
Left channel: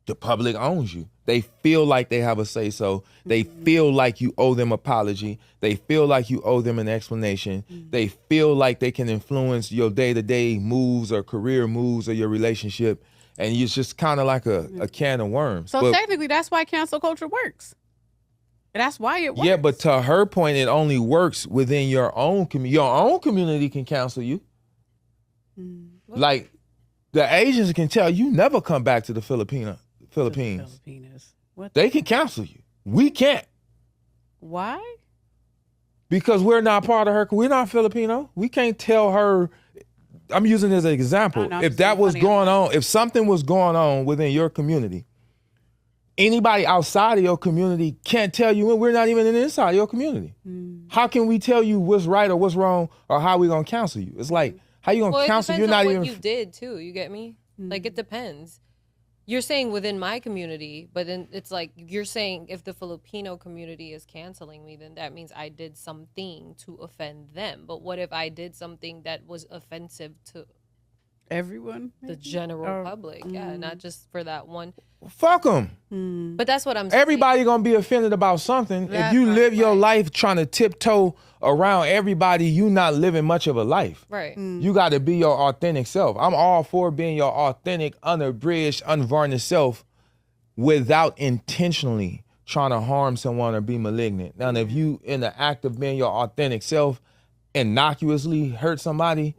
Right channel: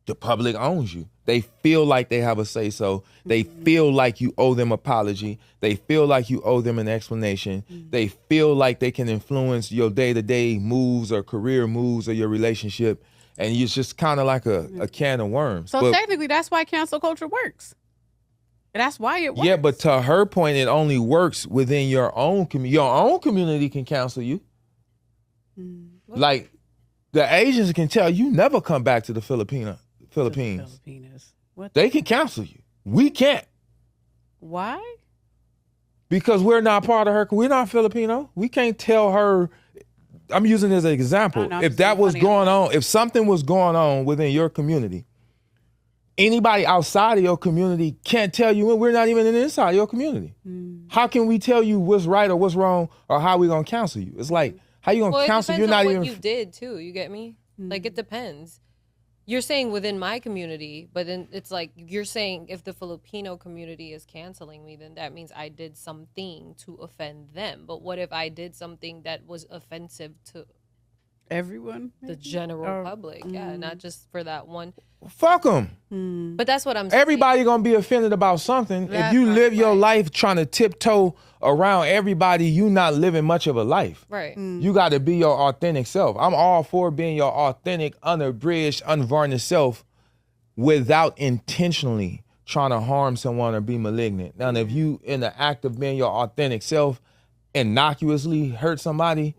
the public owns you. They feel like they have a say-so. They feel like you owe them apology. They feel like you owe them an explanation. They feel like they can influence your day-to-day moves or career moves or your relationship. And it's just kind of like a can of worms. So But- technically, that's why cancel culture works. That's why it works. yeah, but to her point, it only works within your own community. Your own community can cancel you. Like, the Asians can tell you never come back to the Philippines. Filipinos. What? They can cancel you. We can't. Why? Because we're not part of her. We're not Filipino. We can't tell her. I'm using it as an example. No, If that was going on, if something was going on within your community, anybody outside of your community can't tell you. We're not even inside your community. How can we tell you what's right or what's wrong or how we gonna counsel you? It's like, how you gonna counsel? You're not even. What you did too. You get me? Like, it depends. You're saying within my community, but then it's like you're saying if the Filipino community is canceling me, then that means I did something to offend them. But what if I did something that was offensive to everyone? The general public? Yeah, not just for that one. Fuck them. But that's what I'm saying. Everybody gonna be offended about something. If you live your life trying to tiptoe around everybody, you not living much of a life. Right. You got to be your authentic self. I'm all for being your authentic, unabridged, unvarnished self without intentionally trying to harm someone or be malignant. Now, if you in the act of being your authentic self innocuously hurt somebody,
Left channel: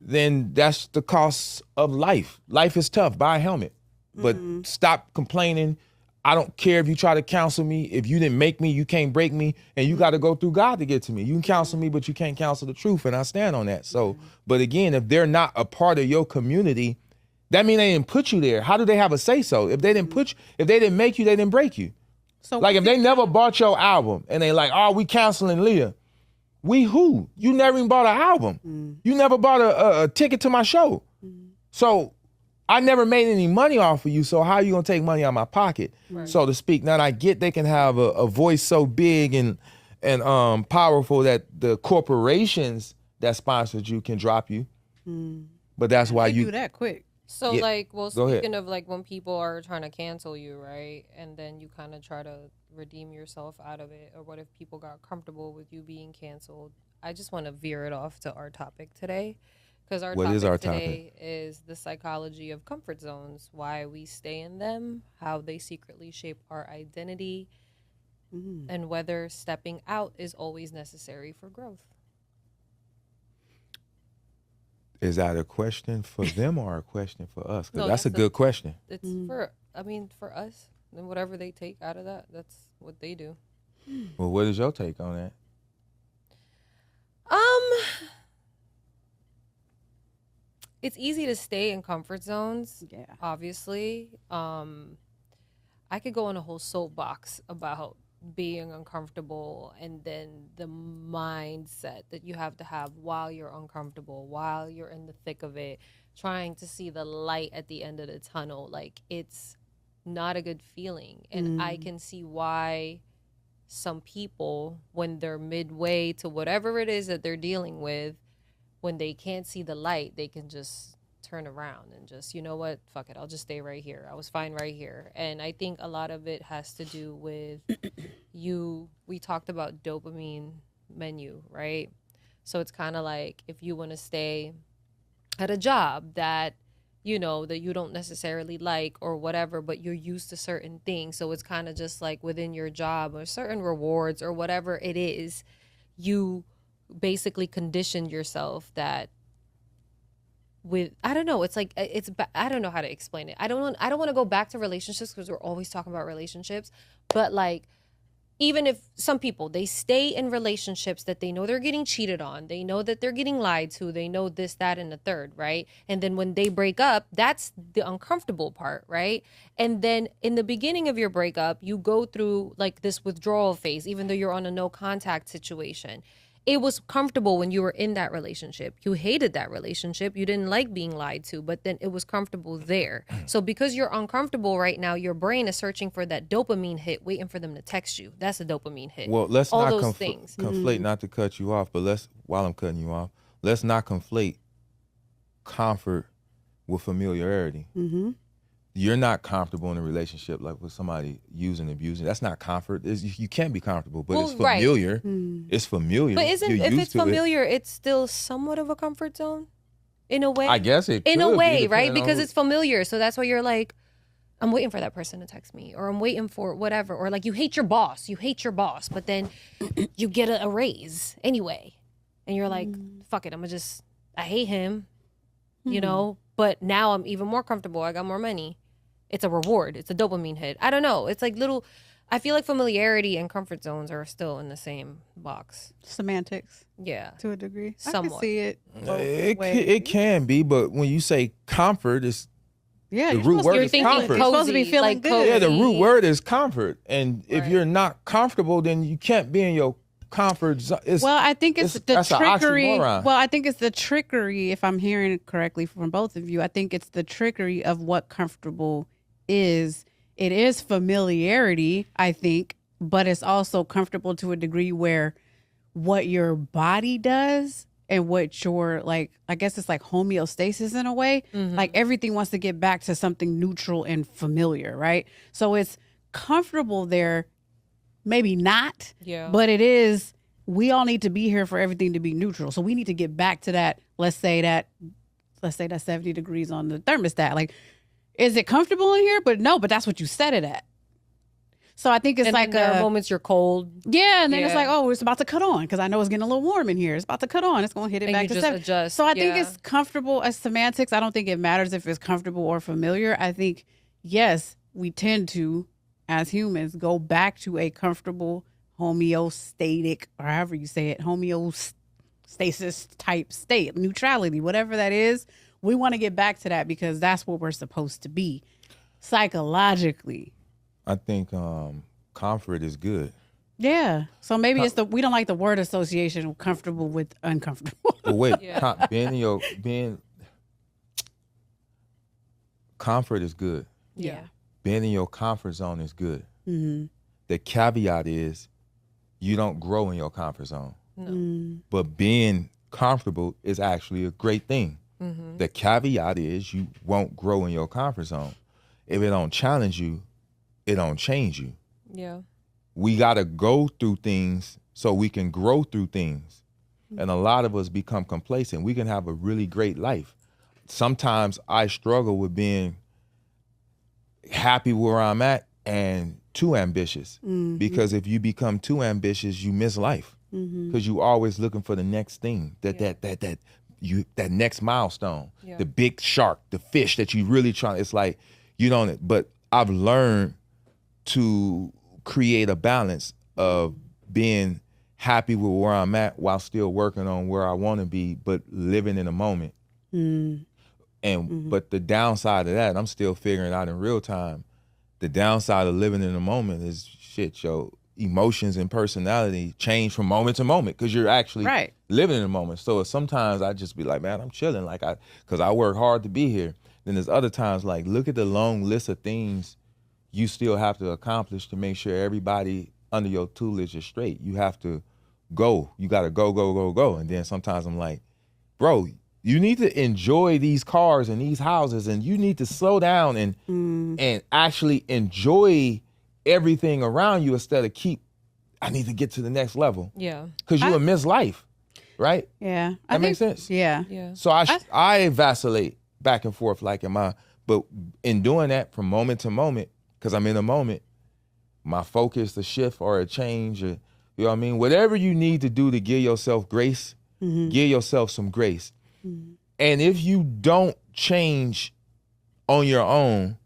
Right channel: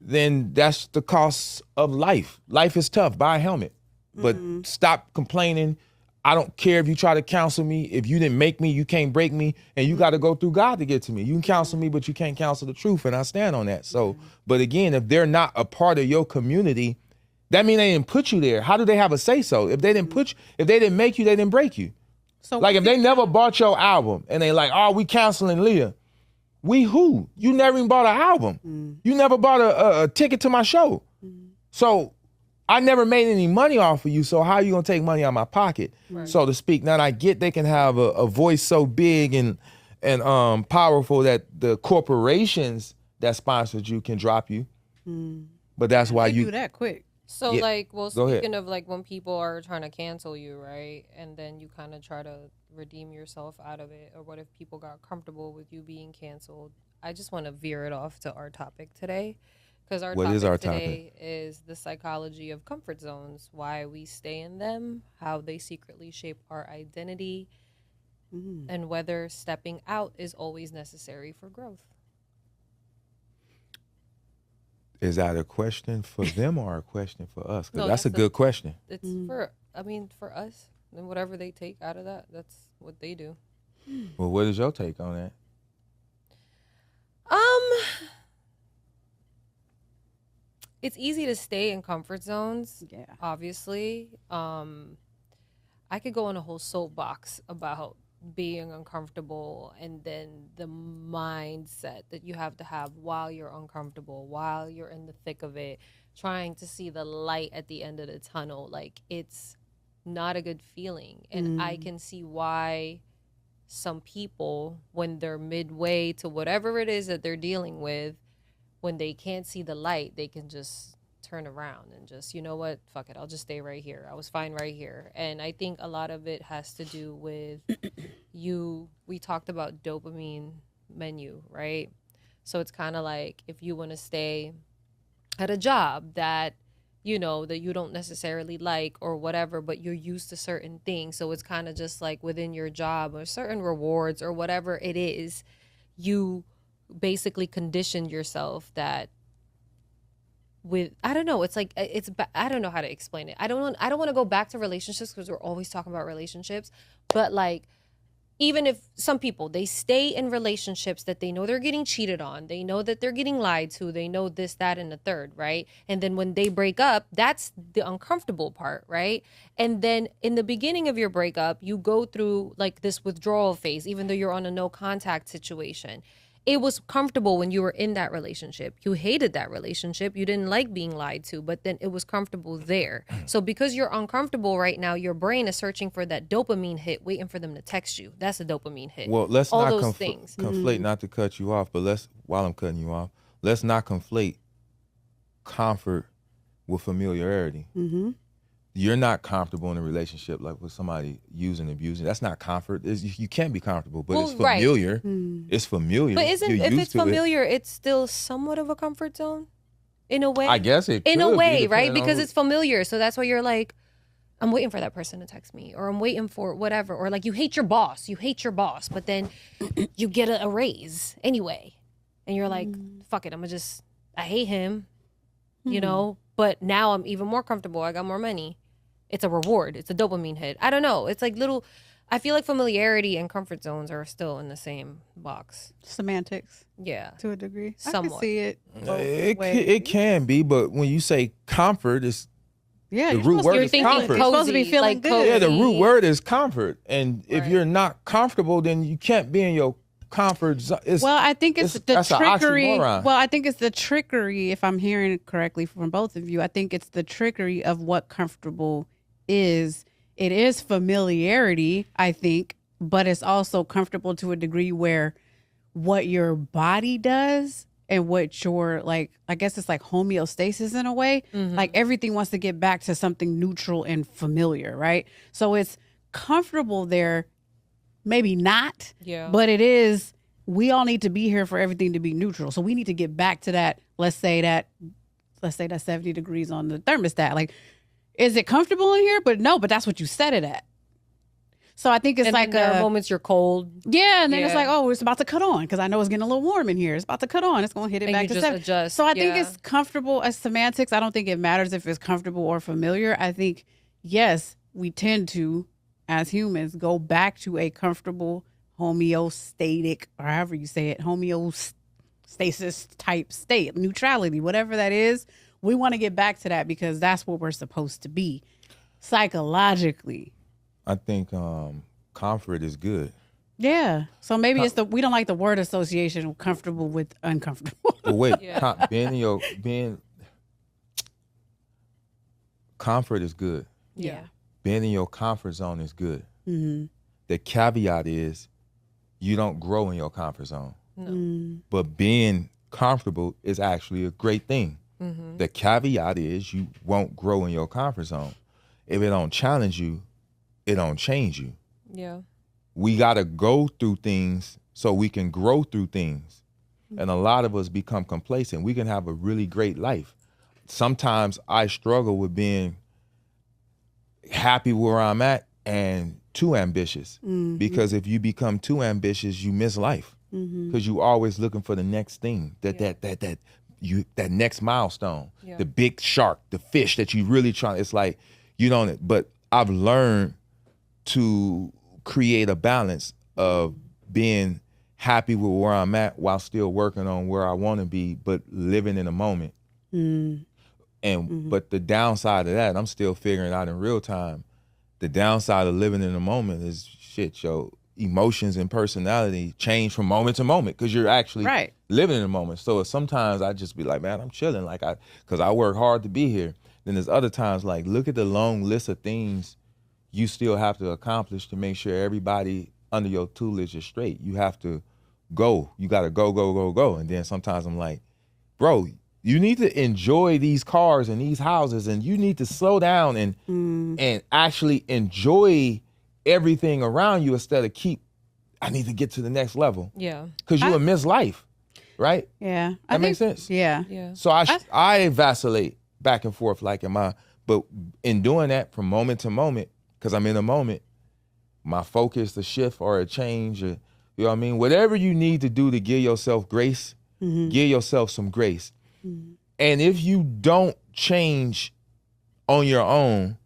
then that's the cost of life. Life is tough. Buy a helmet. But stop complaining. I don't care if you try to counsel me. If you didn't make me, you can't break me. And you got to go through God to get to me. You can counsel me, but you can't counsel the truth. And I stand on that. So, but again, if they're not a part of your community, that means they didn't put you there. How do they have a say so? If they didn't put you, if they didn't make you, they didn't break you. So like if they never bought your album and they like, oh, we canceling Leah. We who? You never even bought an album. You never bought a ticket to my show. So I never made any money off of you, so how are you gonna take money out of my pocket, so to speak? Now I get they can have a voice so big and powerful that the corporations that sponsored you can drop you, but that's why you do that quick. So speaking of like when people are trying to cancel you, right, and then you kind of try to redeem yourself out of it, or what if people got comfortable with you being canceled? I just want to veer it off to our topic today. Because our topic today is the psychology of comfort zones, why we stay in them, how they secretly shape our identity, and whether stepping out is always necessary for growth. Is that a question for them or a question for us? Because that's a good question. It's for us, and whatever they take out of that, that's what they do. Well, what is your take on that? It's easy to stay in comfort zones, obviously. I could go on a whole soapbox about being uncomfortable and then the mindset that you have to have while you're uncomfortable, while you're in the thick of it, trying to see the light at the end of the tunnel. Like, it's not a good feeling. And I can see why some people, when they're midway to whatever it is that they're dealing with, when they can't see the light, they can just turn around and just, you know what, fuck it, I'll just stay right here. I was fine right here. And I think a lot of it has to do with we talked about dopamine menu, right? So it's kind of like if you want to stay at a job that, you know, that you don't necessarily like or whatever, but you're used to certain things. So it's kind of just like within your job or certain rewards or whatever it is, you basically condition yourself that with, I don't know, it's like, I don't know how to explain it. I don't want to go back to relationships because we're always talking about relationships, but like, even if some people, they stay in relationships that they know they're getting cheated on, they know that they're getting lied to, they know this, that, and the third, right? And then when they break up, that's the uncomfortable part, right? And then in the beginning of your breakup, you go through like this withdrawal phase, even though you're on a no contact situation. It was comfortable when you were in that relationship. You hated that relationship. You didn't like being lied to, but then it was comfortable there. So because you're uncomfortable right now, your brain is searching for that dopamine hit, waiting for them to text you. That's a dopamine hit. Well, let's all not those things. Conflate, not to cut you off, but while I'm cutting you off, let's not conflate comfort with familiarity. Mm-hmm. You're not comfortable in a relationship like with somebody using, abusing. That's not comfort. You can't be comfortable, but it's familiar. Right. It's familiar. But if it's familiar, it's still somewhat of a comfort zone in a way. I guess it in a way, right? Because it's familiar. So that's why you're like, I'm waiting for that person to text me, or I'm waiting for whatever. Or like you hate your boss, but then you get a raise anyway. And you're like, fuck it, I hate him. you know, but now I'm even more comfortable. I got more money. It's a reward. It's a dopamine hit. I don't know. It's like little, I feel like familiarity and comfort zones are still in the same box. Semantics. Yeah. To a degree. Somewhat. I can see it. It can be, but when you say comfort, it's yeah, the you're root supposed, word you're is thinking comfort. you're supposed to be cozy, feeling like good. cozy. Yeah, the root word is comfort, and if Right. you're not comfortable, then you can't be in your comfort zone. Well, I think it's the that's an trickery. oxymoron. Well, I think it's the trickery, if I'm hearing it correctly from both of you. I think it's the trickery of what comfortable is. It is familiarity, I think, but it's also comfortable to a degree where what your body does and what your, like, I guess it's like homeostasis in a way. Like everything wants to get back to something neutral and familiar, right? So it's comfortable there, maybe not, Yeah. but it is. We all need to be here for everything to be neutral. So we need to get back to that. Let's say that 70 degrees on the thermostat. Like, is it comfortable in here? But no, but that's what you set it at. So I think it's and like there are moments you're cold. yeah, and then it's Yeah. like, oh, it's about to cut on because I know it's getting a little warm in here. It's about to cut on. It's going to hit it And back you to just 70. adjust. So I think Yeah. it's comfortable as semantics. I don't think it matters if it's comfortable or familiar. I think, yes, we tend to, as humans, go back to a comfortable homeostatic, or however you say it, homeostasis type state, neutrality, whatever that is. We want to get back to that because that's what we're supposed to be psychologically. I think comfort is good. Yeah. So maybe it's we don't like the word association of comfortable with uncomfortable. But wait, Yeah. comfort is good. Yeah. Being in your comfort zone is good. Mm-hmm. The caveat is you don't grow in your comfort zone. No. But being comfortable is actually a great thing. Mm-hmm. The caveat is you won't grow in your comfort zone. If it don't challenge you, it don't change you. Yeah. We got to go through things so we can grow through things. And a lot of us become complacent. We can have a really great life. Sometimes I struggle with being happy where I'm at and too ambitious. Because if you become too ambitious, you miss life. Because you always looking for the next thing, that next milestone, Yeah. the big shark, the fish that you really try. It's like you don't. But I've learned to create a balance of being happy with where I'm at while still working on where I want to be, but living in the moment. And but the downside of that, I'm still figuring out in real time. The downside of living in the moment is shit, yo. Emotions and personality change from moment to moment because you're actually Right. living in the moment. So sometimes I just be like, man, I'm chilling, because I work hard to be here. Then there's other times like, look at the long list of things you still have to accomplish to make sure everybody under your tutelage is straight. You have to go. You got to go. And then sometimes I'm like, bro, you need to enjoy these cars and these houses, and you need to slow down and actually enjoy everything around you instead of I need to get to the next level. Yeah. Because you will miss life, right? Yeah. That makes sense? Yeah. Yeah. So I vacillate back and forth but in doing that from moment to moment, because I'm in the moment, my focus, the shift or a change, or, you know what I mean? Whatever you need to do to give yourself grace, give yourself some grace. And if you don't change on your own,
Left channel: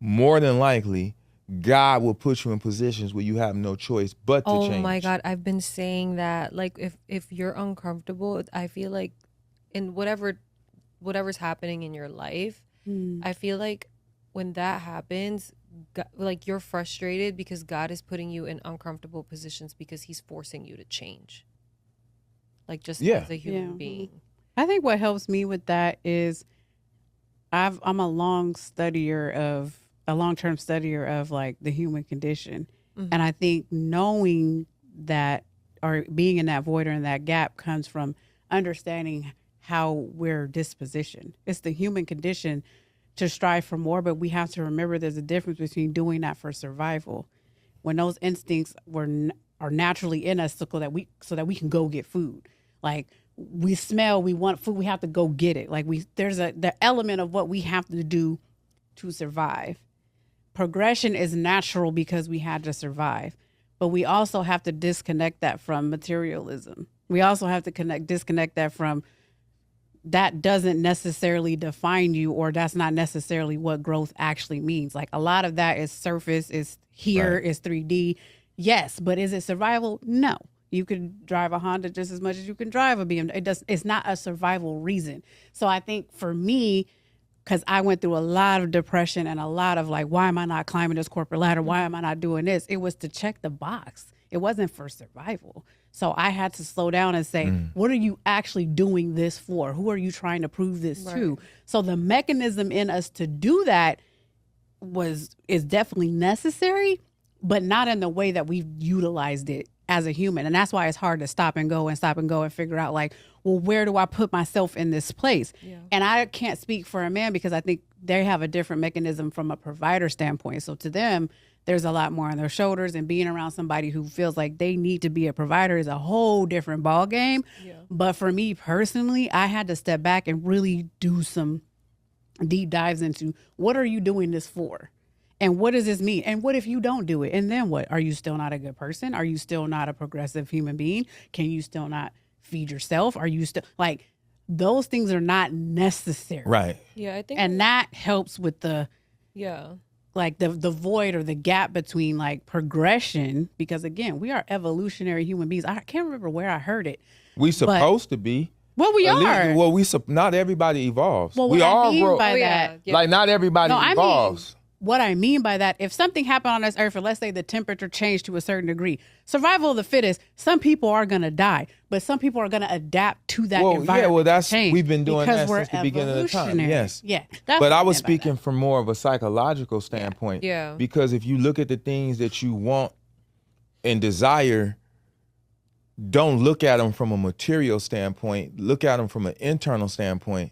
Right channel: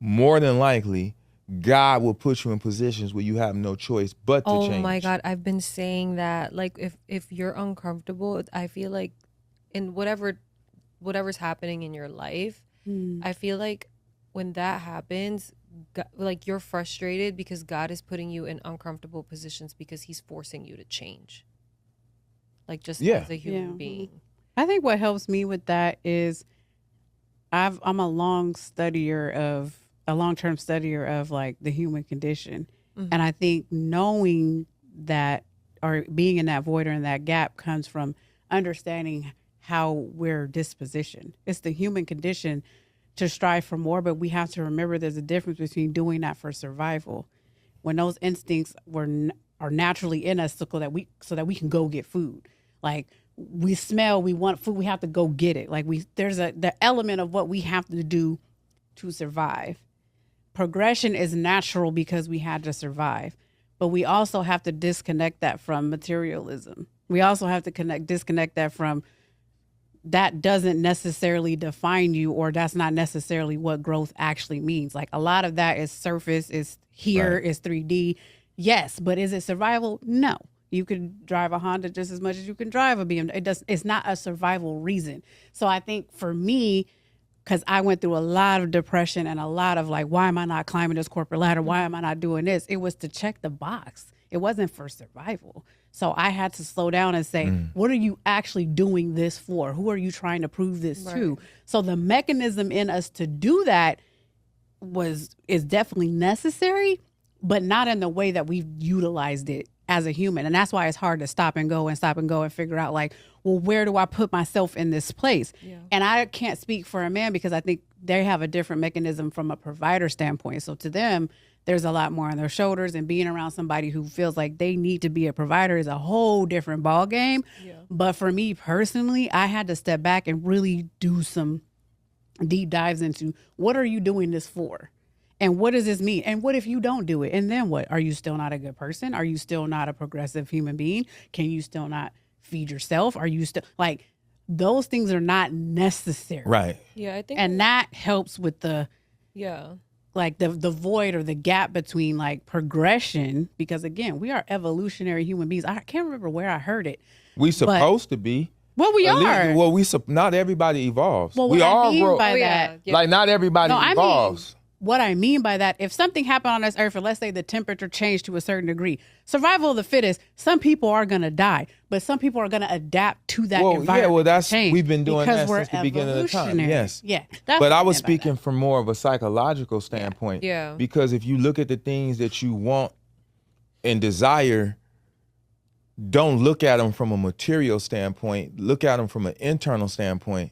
more than likely, God will put you in positions where you have no choice but to change. Oh my God, I've been saying that. Like, if you're uncomfortable, I feel like in whatever's happening in your life, I feel like when that happens, like you're frustrated because God is putting you in uncomfortable positions because He's forcing you to change. Like just as a human being. I think what helps me with that is I'm a long-term studier of like the human condition. And I think knowing that or being in that void or in that gap comes from understanding how we're dispositioned. It's the human condition to strive for more, but we have to remember there's a difference between doing that for survival. When those instincts are naturally in us so that we can go get food. Like we smell, we want food, we have to go get it. Like there's the element of what we have to do to survive. Progression is natural because we had to survive, but we also have to disconnect that from materialism. We also have to disconnect that from that doesn't necessarily define you, or that's not necessarily what growth actually means. Like a lot of that is surface, is here, Right. is 3D. Yes, but is it survival? No. You can drive a Honda just as much as you can drive a BMW. It's not a survival reason. So I think for me, because I went through a lot of depression and a lot of like, why am I not climbing this corporate ladder? Why am I not doing this? It was to check the box. It wasn't for survival. So I had to slow down and say, what are you actually doing this for? Who are you trying to prove this to? So the mechanism in us to do that is definitely necessary, but not in the way that we've utilized it as a human. And that's why it's hard to stop and go and figure out like, well, where do I put myself in this place? Yeah. And I can't speak for a man because I think they have a different mechanism from a provider standpoint. So to them, there's a lot more on their shoulders, and being around somebody who feels like they need to be a provider is a whole different ball game. Yeah. But for me personally, I had to step back and really do some deep dives into what are you doing this for? And what does this mean? And what if you don't do it? And then what? Are you still not a good person? Are you still not a progressive human being? Can you still not feed yourself? Are you still like, those things are not necessary. Right. Yeah, I think. And that helps with the, yeah, like the void or the gap between like progression, because again, we are evolutionary human beings. I can't remember where I heard it. We supposed to be. Well, we are. Well, not everybody evolves. Well, what we I all mean grow. by that, Like not everybody evolves. What I mean by that, if something happened on this earth, and let's say the temperature changed to a certain degree, survival of the fittest, some people are going to die, but some people are going to adapt to that environment. Yeah, well, that's, change we've been doing that since the beginning of the time. Yes. Yeah. But I was speaking from more of a psychological standpoint. Yeah. Because if you look at the things that you want and desire, don't look at them from a material standpoint. Look at them from an internal standpoint.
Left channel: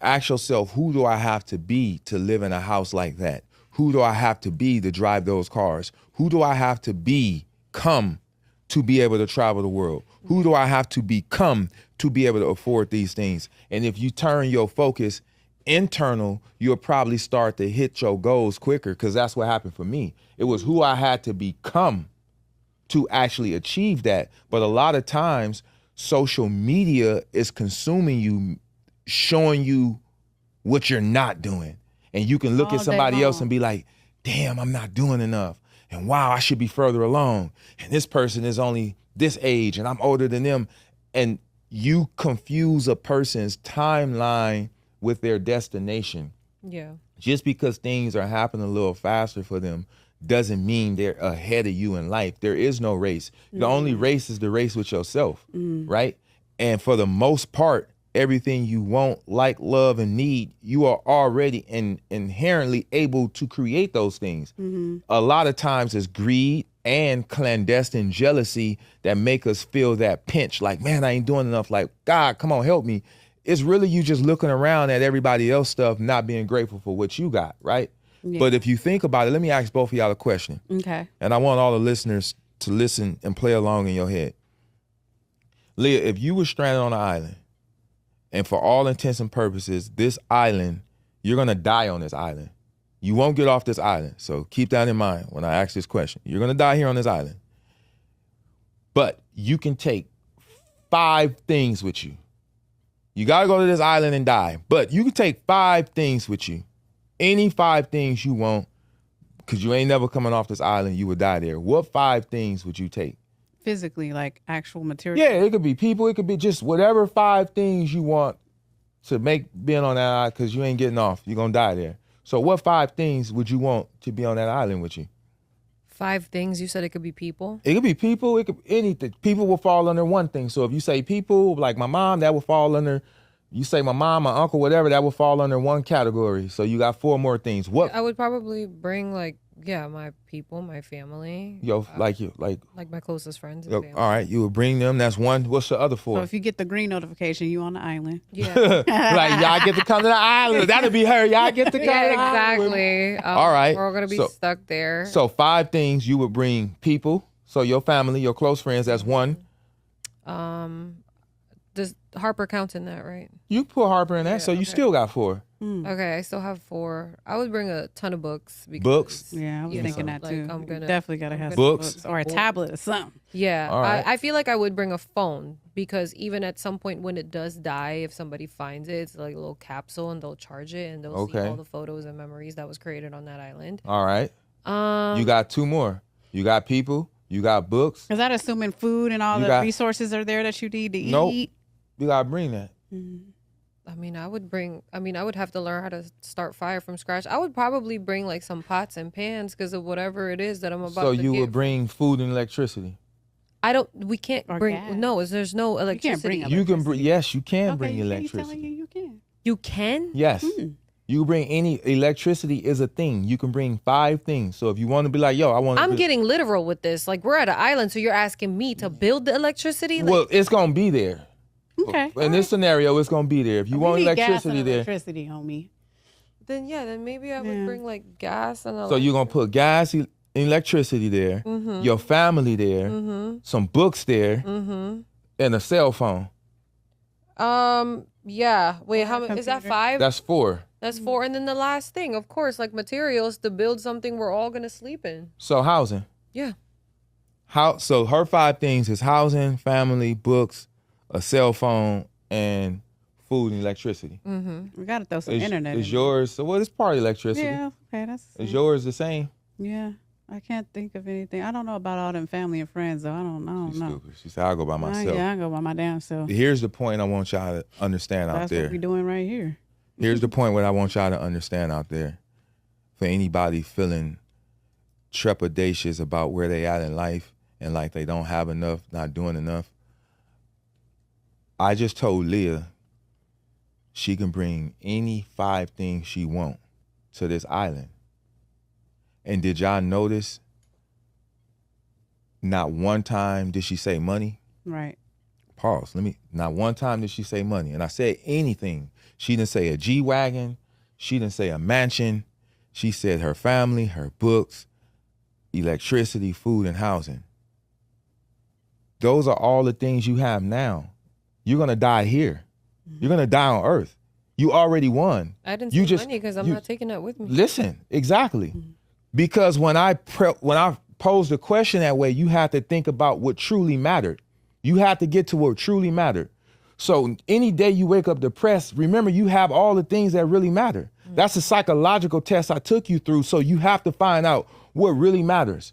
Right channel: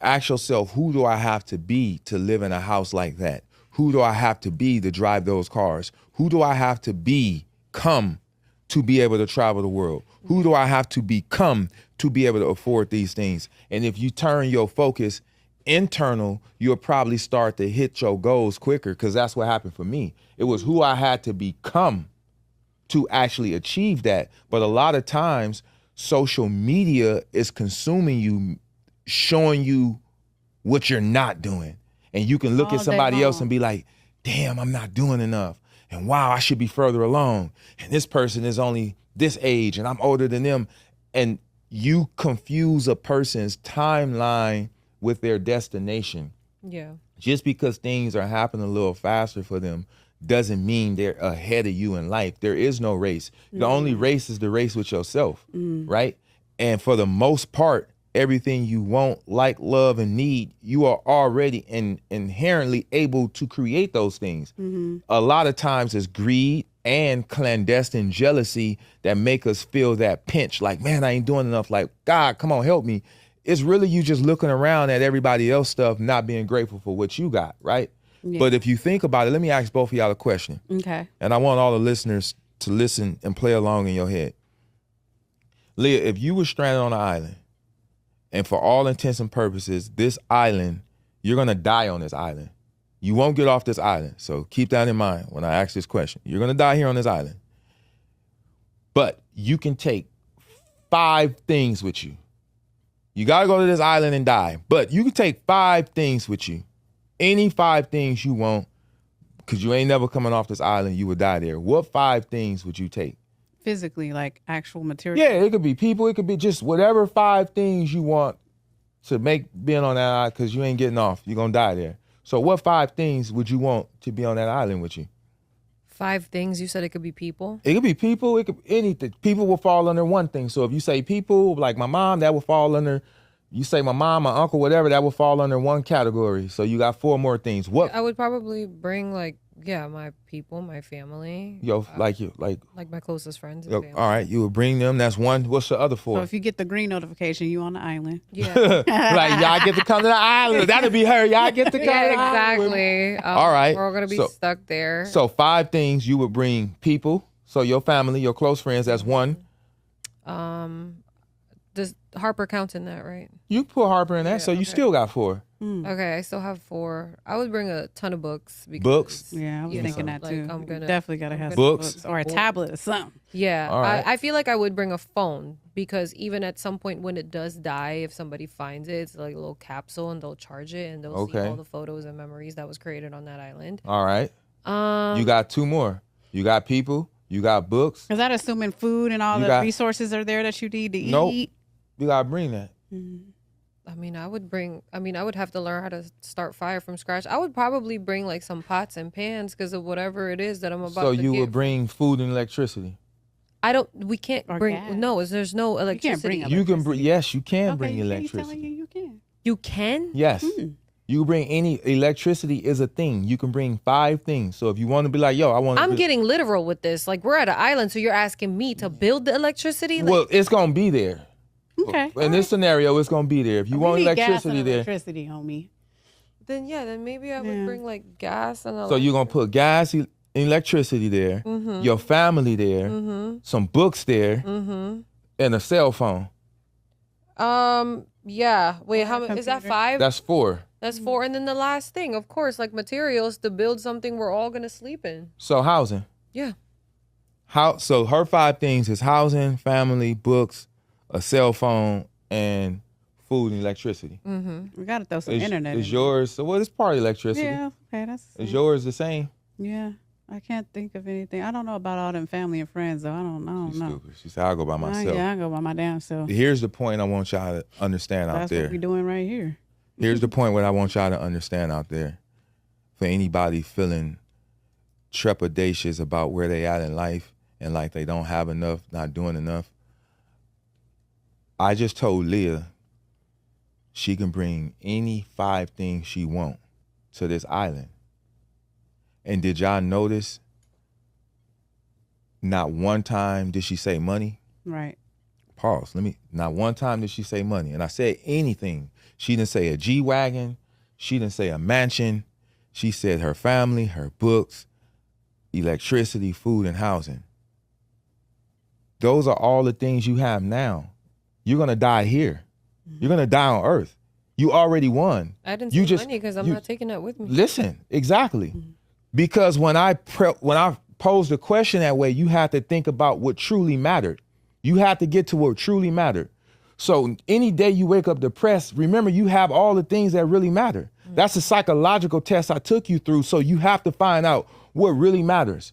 Ask yourself, who do I have to be to live in a house like that? Who do I have to be to drive those cars? Who do I have to become to be able to travel the world? Who do I have to become to be able to afford these things? And if you turn your focus internal, you'll probably start to hit your goals quicker, because that's what happened for me. It was who I had to become to actually achieve that. But a lot of times, social media is consuming you, showing you what you're not doing. And you can look at somebody else and be like, damn, I'm not doing enough. And wow, I should be further along. And this person is only this age and I'm older than them. And you confuse a person's timeline with their destination. Yeah. Just because things are happening a little faster for them doesn't mean they're ahead of you in life. There is no race. The only race is the race with yourself, right? And for the most part, everything you want, like, love, and need, you are already inherently able to create those things. A lot of times it's greed and clandestine jealousy that make us feel that pinch, like, man, I ain't doing enough, like, God, come on, help me. It's really you just looking around at everybody else stuff, not being grateful for what you got, right? Yeah. But if you think about it, let me ask both of y'all a question. Okay. And I want all the listeners to listen and play along in your head. Leah, if you were stranded on an island, and for all intents and purposes, this island, you're going to die on this island. You won't get off this island. So keep that in mind when I ask this question. You're going to die here on this island. But you can take 5 things with you. You got to go to this island and die. But you can take 5 things with you. Any 5 things you want, because you ain't never coming off this island, you would die there. What 5 things would you take? Physically, like actual material? Yeah, it could be people. It could be just whatever 5 things you want to make being on that island, because you ain't getting off. You're going to die there. So what 5 things would you want to be on that island with you? 5 things? You said it could be people? It could be people. It could be anything. People will fall under one thing. So if you say people, like my mom, that will fall under, you say my mom, my uncle, whatever, that will fall under one category. So you got 4 more things. What? I would probably bring my people, my family. Like my closest friends. All right, you would bring them. That's 1. What's the other 4? So if you get the green notification, you on the island. Yeah. Like, y'all get to come to the island. That'll be her. Y'all get to come to the island. Exactly. All right. We're all going to be stuck there. So 5 things you would bring people. So your family, your close friends, that's 1. Does Harper count in that, right? You can put Harper in that, so you still got 4. Okay, I still have 4. I would bring a ton of books. Because, Books? Yeah, I was thinking that like, too. I'm gonna Definitely gotta have some Books? books or a tablet or something. Yeah, All right. I feel like I would bring a phone because even at some point when it does die, if somebody finds it, it's like a little capsule and they'll charge it and they'll see Okay. all the photos and memories that was created on that island. All right. You got 2 more. You got people. You got books. Is that assuming food and all You the got- resources are there that you need to Nope. eat? You gotta bring that. I would have to learn how to start fire from scratch. I would probably bring like some pots and pans because of whatever it is that I'm about So to you get. would bring food and electricity. We can't Or bring, gas. no, there's no electricity. can't bring You can bring. Yes, you can Okay, bring he's electricity. telling you can. You can? Yes. You bring any electricity is a thing. You can bring 5 things. So if you want to be like, yo, I want to. I'm getting literal with this. Like, we're at an island, so you're asking me to build the electricity? Like, Well, it's gonna be there. Okay. In this scenario, it's gonna be there. If you We want need gas electricity and there, electricity, homie. then maybe I would Yeah. bring like gas and so you're gonna put gas, electricity there, your family there, some books there, and a cell phone. Yeah. Wait, how many? Is that 5? That's 4. That's 4. And then the last thing, of course, like materials to build something we're all gonna sleep in. So housing. Yeah. So her 5 things is housing, family, books, a cell phone, and food and electricity. We gotta throw some internet. Is in yours? So what is part of electricity? there. Yeah. Okay. Is yours the same? Yeah. I can't think of anything. I don't know about all them family and friends though. I don't know. Stupid. She said, I'll go by myself. Yeah, I go by my damn self. Here's the point I want y'all to understand out That's there. what we doing right here. Here's the point what I want y'all to understand out there. For anybody feeling trepidatious about where they at in life and like they don't have enough, not doing enough. I just told Leah she can bring any 5 things she want to this island. And did y'all notice not one time did she say money? Right. Pause. Not one time did she say money. And I said anything. She didn't say a G-Wagon. She didn't say a mansion. She said her family, her books, electricity, food, and housing. Those are all the things you have now. You're going to die here. You're going to die on Earth. You already won. I didn't say money because I'm not taking that with me. Listen, exactly. Because when I posed the question that way, you have to think about what truly mattered. You have to get to what truly mattered. So any day you wake up depressed, remember you have all the things that really matter. That's a psychological test I took you through. So you have to find out what really matters.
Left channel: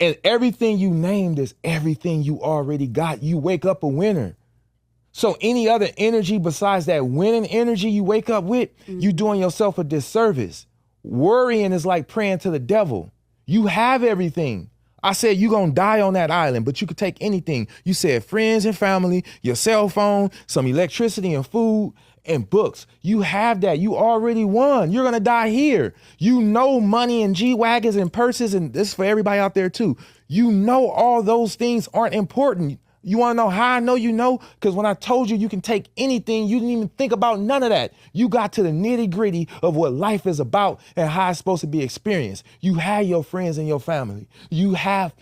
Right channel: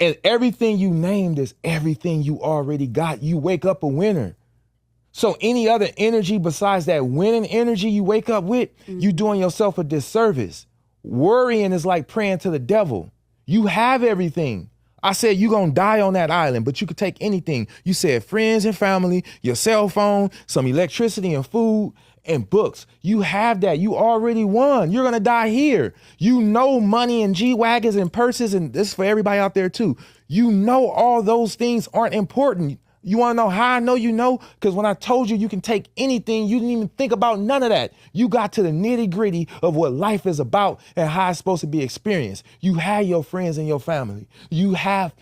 And everything you named is everything you already got. You wake up a winner. So any other energy besides that winning energy you wake up with, you doing yourself a disservice. Worrying is like praying to the devil. You have everything. I said you're going to die on that island, but you could take anything. You said friends and family, your cell phone, some electricity and food, and books. You have that. You already won. You're going to die here. You know money and G-Wagons and purses, and this is for everybody out there too. You know all those things aren't important. You want to know how I know you know? Because when I told you you can take anything, you didn't even think about none of that. You got to the nitty gritty of what life is about and how it's supposed to be experienced. You have your friends and your family. You have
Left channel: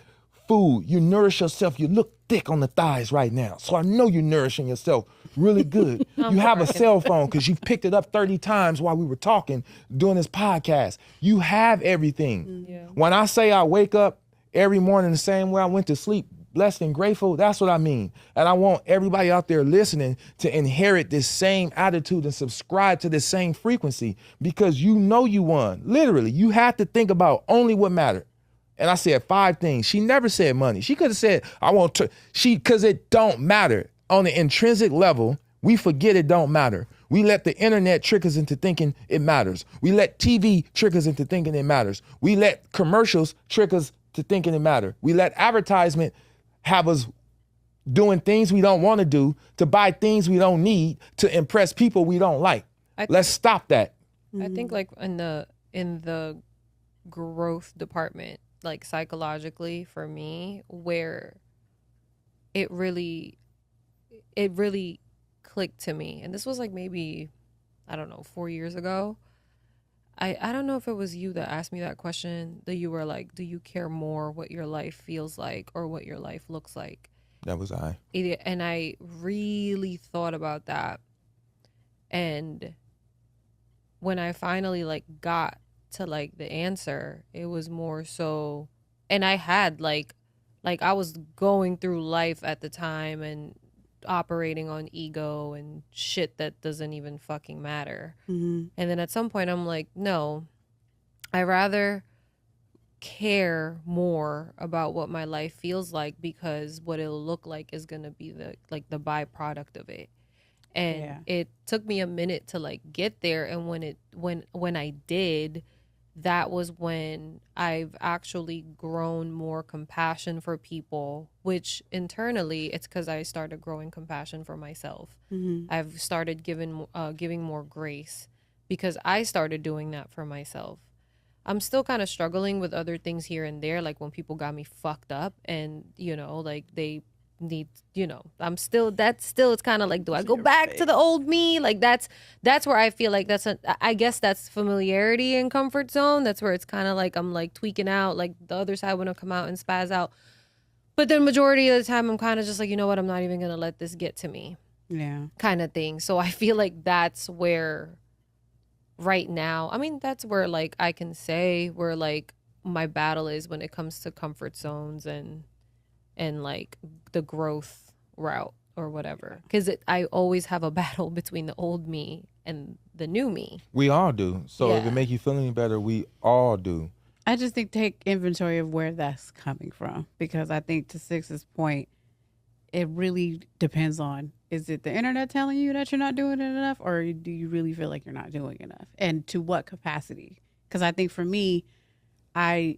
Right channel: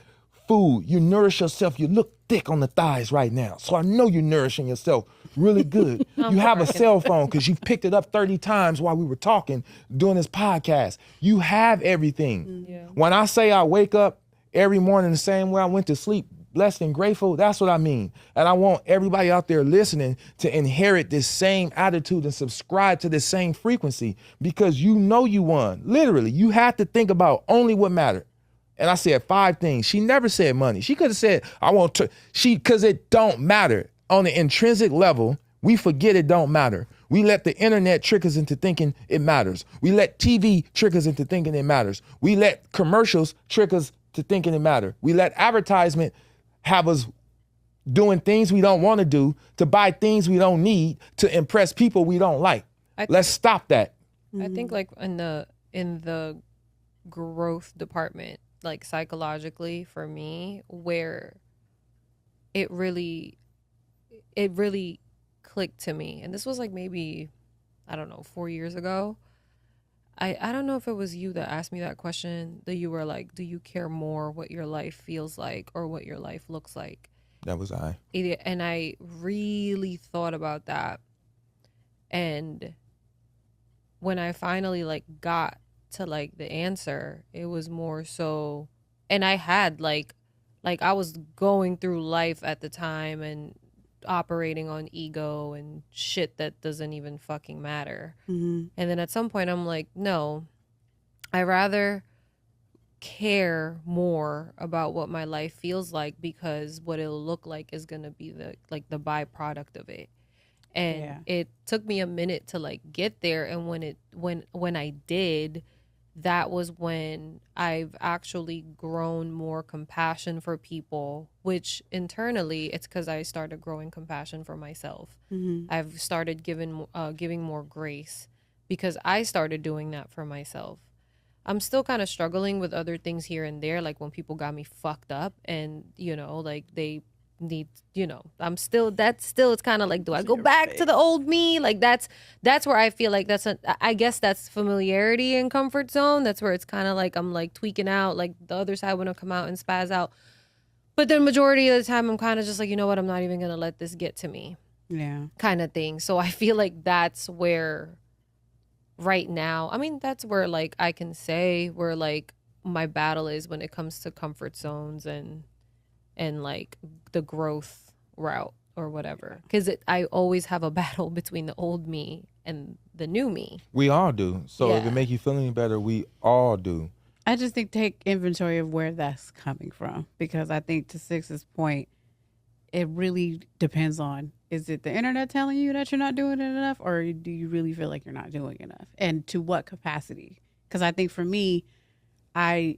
food. You nourish yourself. You look thick on the thighs right now. So I know you're nourishing yourself really good. You have a cell phone because you've picked it up 30 times while we were talking doing this podcast. You have everything. Yeah. When I say I wake up every morning the same way I went to sleep, blessed and grateful, that's what I mean. And I want everybody out there listening to inherit this same attitude and subscribe to this same frequency because you know you won. Literally, you have to think about only what mattered. And I said 5 things. She never said money. She could have said, I want to, because it don't matter. On the intrinsic level, we forget it don't matter. We let the internet trick us into thinking it matters. We let TV trick us into thinking it matters. We let commercials trick us to thinking it matters. We let advertisement have us doing things we don't want to do, to buy things we don't need, to impress people we don't like. Let's stop that. I think like in the growth department, like psychologically for me, where it really clicked to me. And this was like maybe, I don't know, 4 years ago. I don't know if it was you that asked me that question, that you were like, do you care more what your life feels like or what your life looks like? That was I. And I really thought about that. And when I finally like got to like the answer, it was more so, and I had like I was going through life at the time and operating on ego and shit that doesn't even fucking matter. Mm-hmm. And then at some point I'm like, no, I rather care more about what my life feels like, because what it'll look like is going to be the byproduct of it. And it took me a minute to like get there, and when I did, that was when I've actually grown more compassion for people, which internally it's because I started growing compassion for myself. Mm-hmm. I've started giving more grace because I started doing that for myself. I'm still kind of struggling with other things here and there, like when people got me fucked up and, you know, like they need, you know, it's kind of like, do I go back to the old me? Like that's where I feel like I guess that's familiarity and comfort zone. That's where it's kind of like I'm like tweaking out, like the other side want to come out and spaz out. But then majority of the time I'm kind of just like, you know what, I'm not even going to let this get to me. Yeah. Kind of thing. So I feel like that's where right now, I mean, that's where like I can say where like my battle is when it comes to comfort zones and like the growth route or whatever, because I always have a battle between the old me and the new me. We all do. So if it make you feel any better, we all do. I just think take inventory of where that's coming from, because I think to Six's point, it really depends on, is it the internet telling you that you're not doing it enough, or do you really feel like you're not doing enough, and to what capacity? Because I think for me, I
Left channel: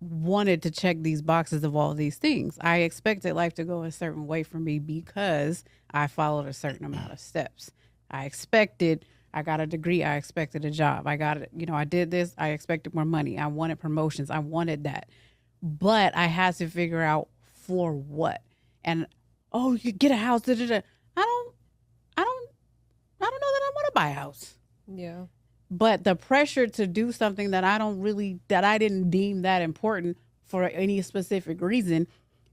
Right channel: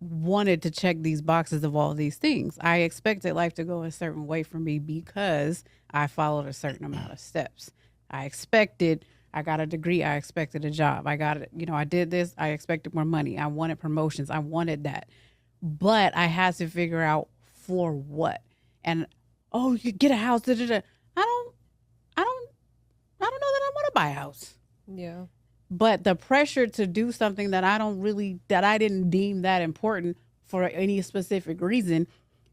wanted to check these boxes of all these things. I expected life to go a certain way for me because I followed a certain amount of steps. I got a degree. I expected a job. I did this. I expected more money. I wanted promotions. I wanted that. But I had to figure out for what. And, you get a house. I don't know that I want to buy a house. Yeah. But the pressure to do something that I didn't deem that important for any specific reason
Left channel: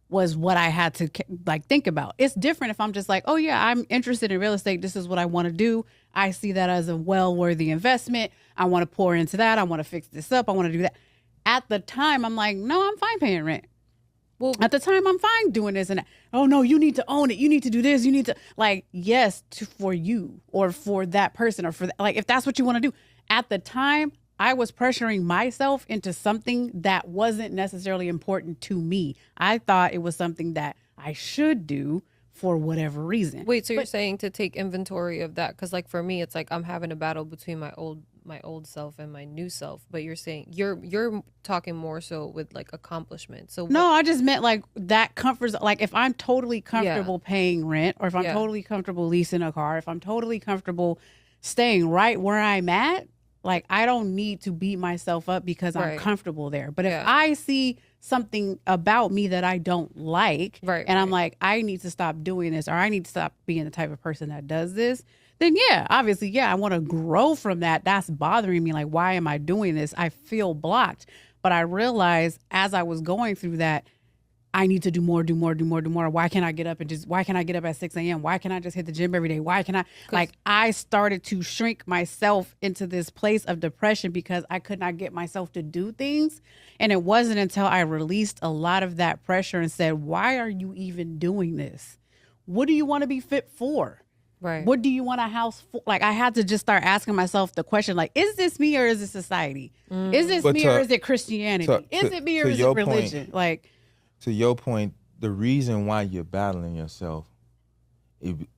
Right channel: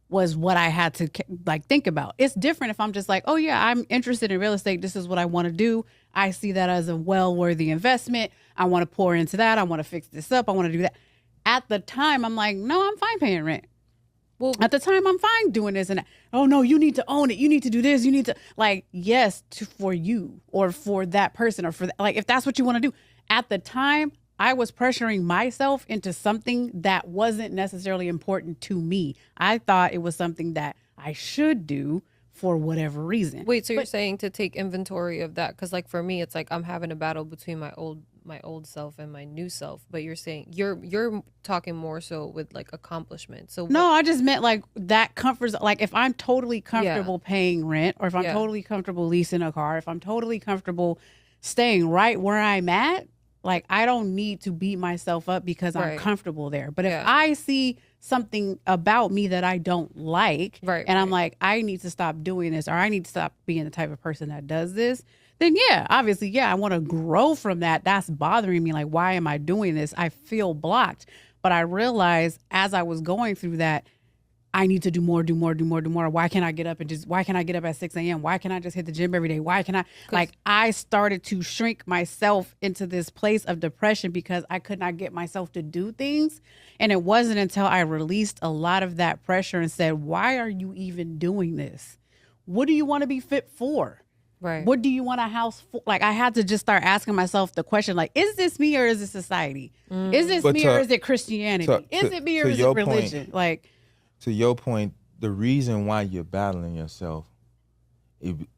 was what I had to like think about. It's different if I'm just like, oh yeah, I'm interested in real estate. This is what I want to do. I see that as a well-worthy investment. I want to pour into that. I want to fix this up. I want to do that. At the time, I'm like, no, I'm fine paying rent. Well, at the time, I'm fine doing this and that. Oh no, you need to own it. You need to do this. You need to for you or for that person or for like, if that's what you want to do. At the time, I was pressuring myself into something that wasn't necessarily important to me. I thought it was something that I should do for whatever reason. Wait, so you're saying to take inventory of that? Because like for me, it's like I'm having a battle between my old self and my new self. But you're saying you're talking more so with like accomplishment. So no, I just meant like that comfort. Like if I'm totally comfortable paying rent, or if I'm totally comfortable leasing a car, if I'm totally comfortable staying right where I'm at, like I don't need to beat myself up because I'm comfortable there. But if I see something about me that I don't like, and I'm like, I need to stop doing this, or I need to stop being the type of person that does this, then obviously, I want to grow from that. That's bothering me. Like, why am I doing this? I feel blocked. But I realized as I was going through that, I need to do more. Why can't I get up at 6 a.m.? Why can't I just hit the gym every day? Why can't I started to shrink myself into this place of depression because I could not get myself to do things. And it wasn't until I released a lot of that pressure and said, why are you even doing this? What do you want to be fit for? Right. What do you want a house for? Like, I had to just start asking myself the question, like, is this me or is it society? Is this me or is it Christianity? Is it me or is it religion? To your point, the reason why you're battling yourself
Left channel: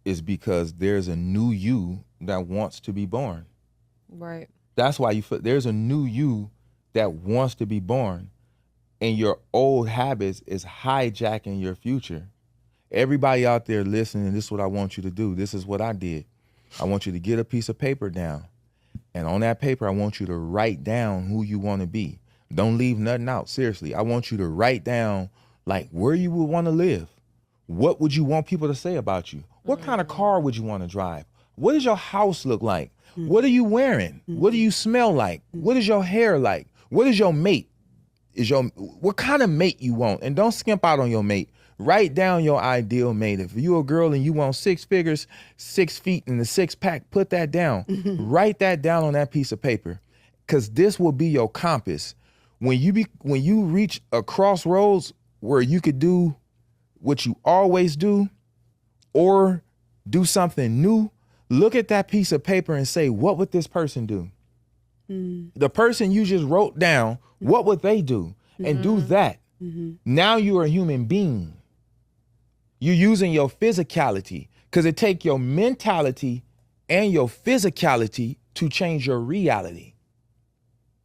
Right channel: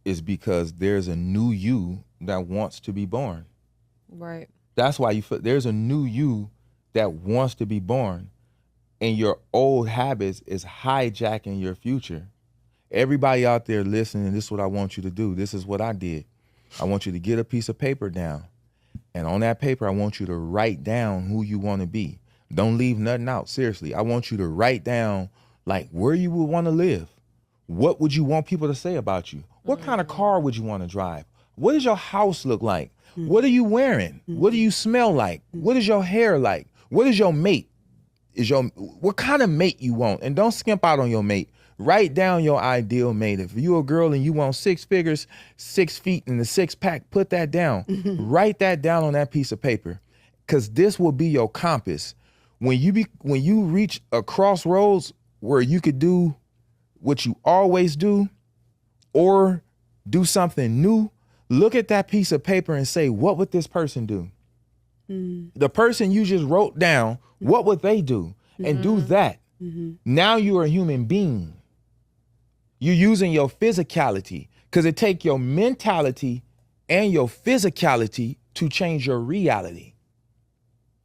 is because there's a new you that wants to be born. Right. That's why there's a new you that wants to be born, and your old habits is hijacking your future. Everybody out there listening, this is what I want you to do. This is what I did. I want you to get a piece of paper down, and on that paper, I want you to write down who you want to be. Don't leave nothing out. Seriously, I want you to write down like where you would want to live. What would you want people to say about you? What kind of car would you want to drive? What does your house look like? What are you wearing? What do you smell like? What is your hair like? What is your mate? What kind of mate you want? And don't skimp out on your mate. Write down your ideal mate. If you a girl and you want 6 figures, 6 feet and a 6-pack, put that down. Write that down on that piece of paper, because this will be your compass. When you reach a crossroads where you could do what you always do or do something new, look at that piece of paper and say, what would this person do? The person you just wrote down, what would they do? And do that. Now you are a human being. You're using your physicality, because it takes your mentality and your physicality to change your reality.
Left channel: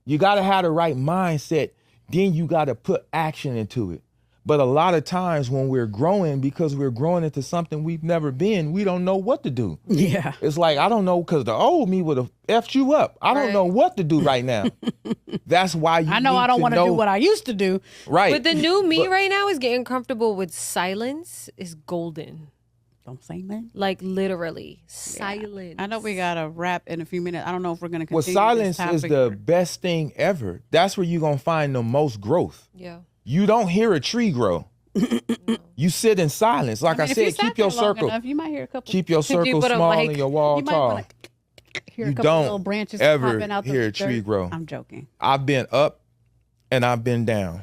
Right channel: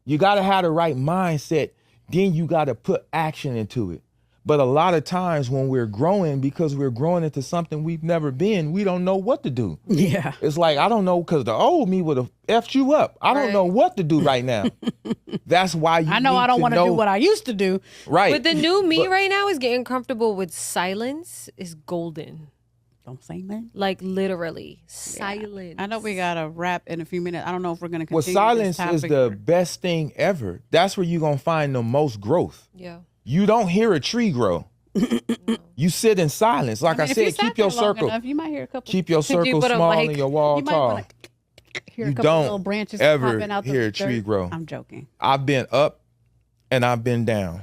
You got to have the right mindset. Then you got to put action into it. But a lot of times when we're growing, because we're growing into something we've never been, we don't know what to do. Yeah. It's like, I don't know, because the old me would have effed you up. I don't know what to do right now. That's why you I know need I don't want to know. do what I used to do. Right. But the new me right now is getting comfortable with silence is golden. Don't say that. Like literally, silence. I know we got to wrap in a few minutes. I don't know if we're going to Well, continue silence this is topic the or- best thing ever. That's where you're going to find the most growth. Yeah. You don't hear a tree grow. You sit in silence. Like I, mean, if you said, sat keep your there long circle. enough, you might hear a couple. Keep your If you circle put a small mic, and your wall you might tall. wanna hear You a couple don't little branches ever popping out hear the a tree dirt. grow. I'm joking. I've been up and I've been down.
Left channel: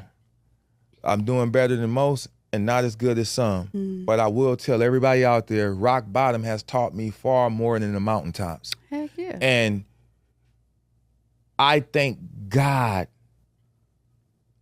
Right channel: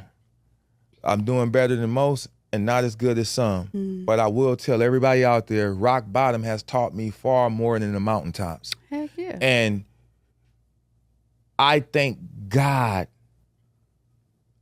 I'm doing better than most and not as good as some. But I will tell everybody out there, rock bottom has taught me far more than the mountaintops. Heck yeah. And I thank God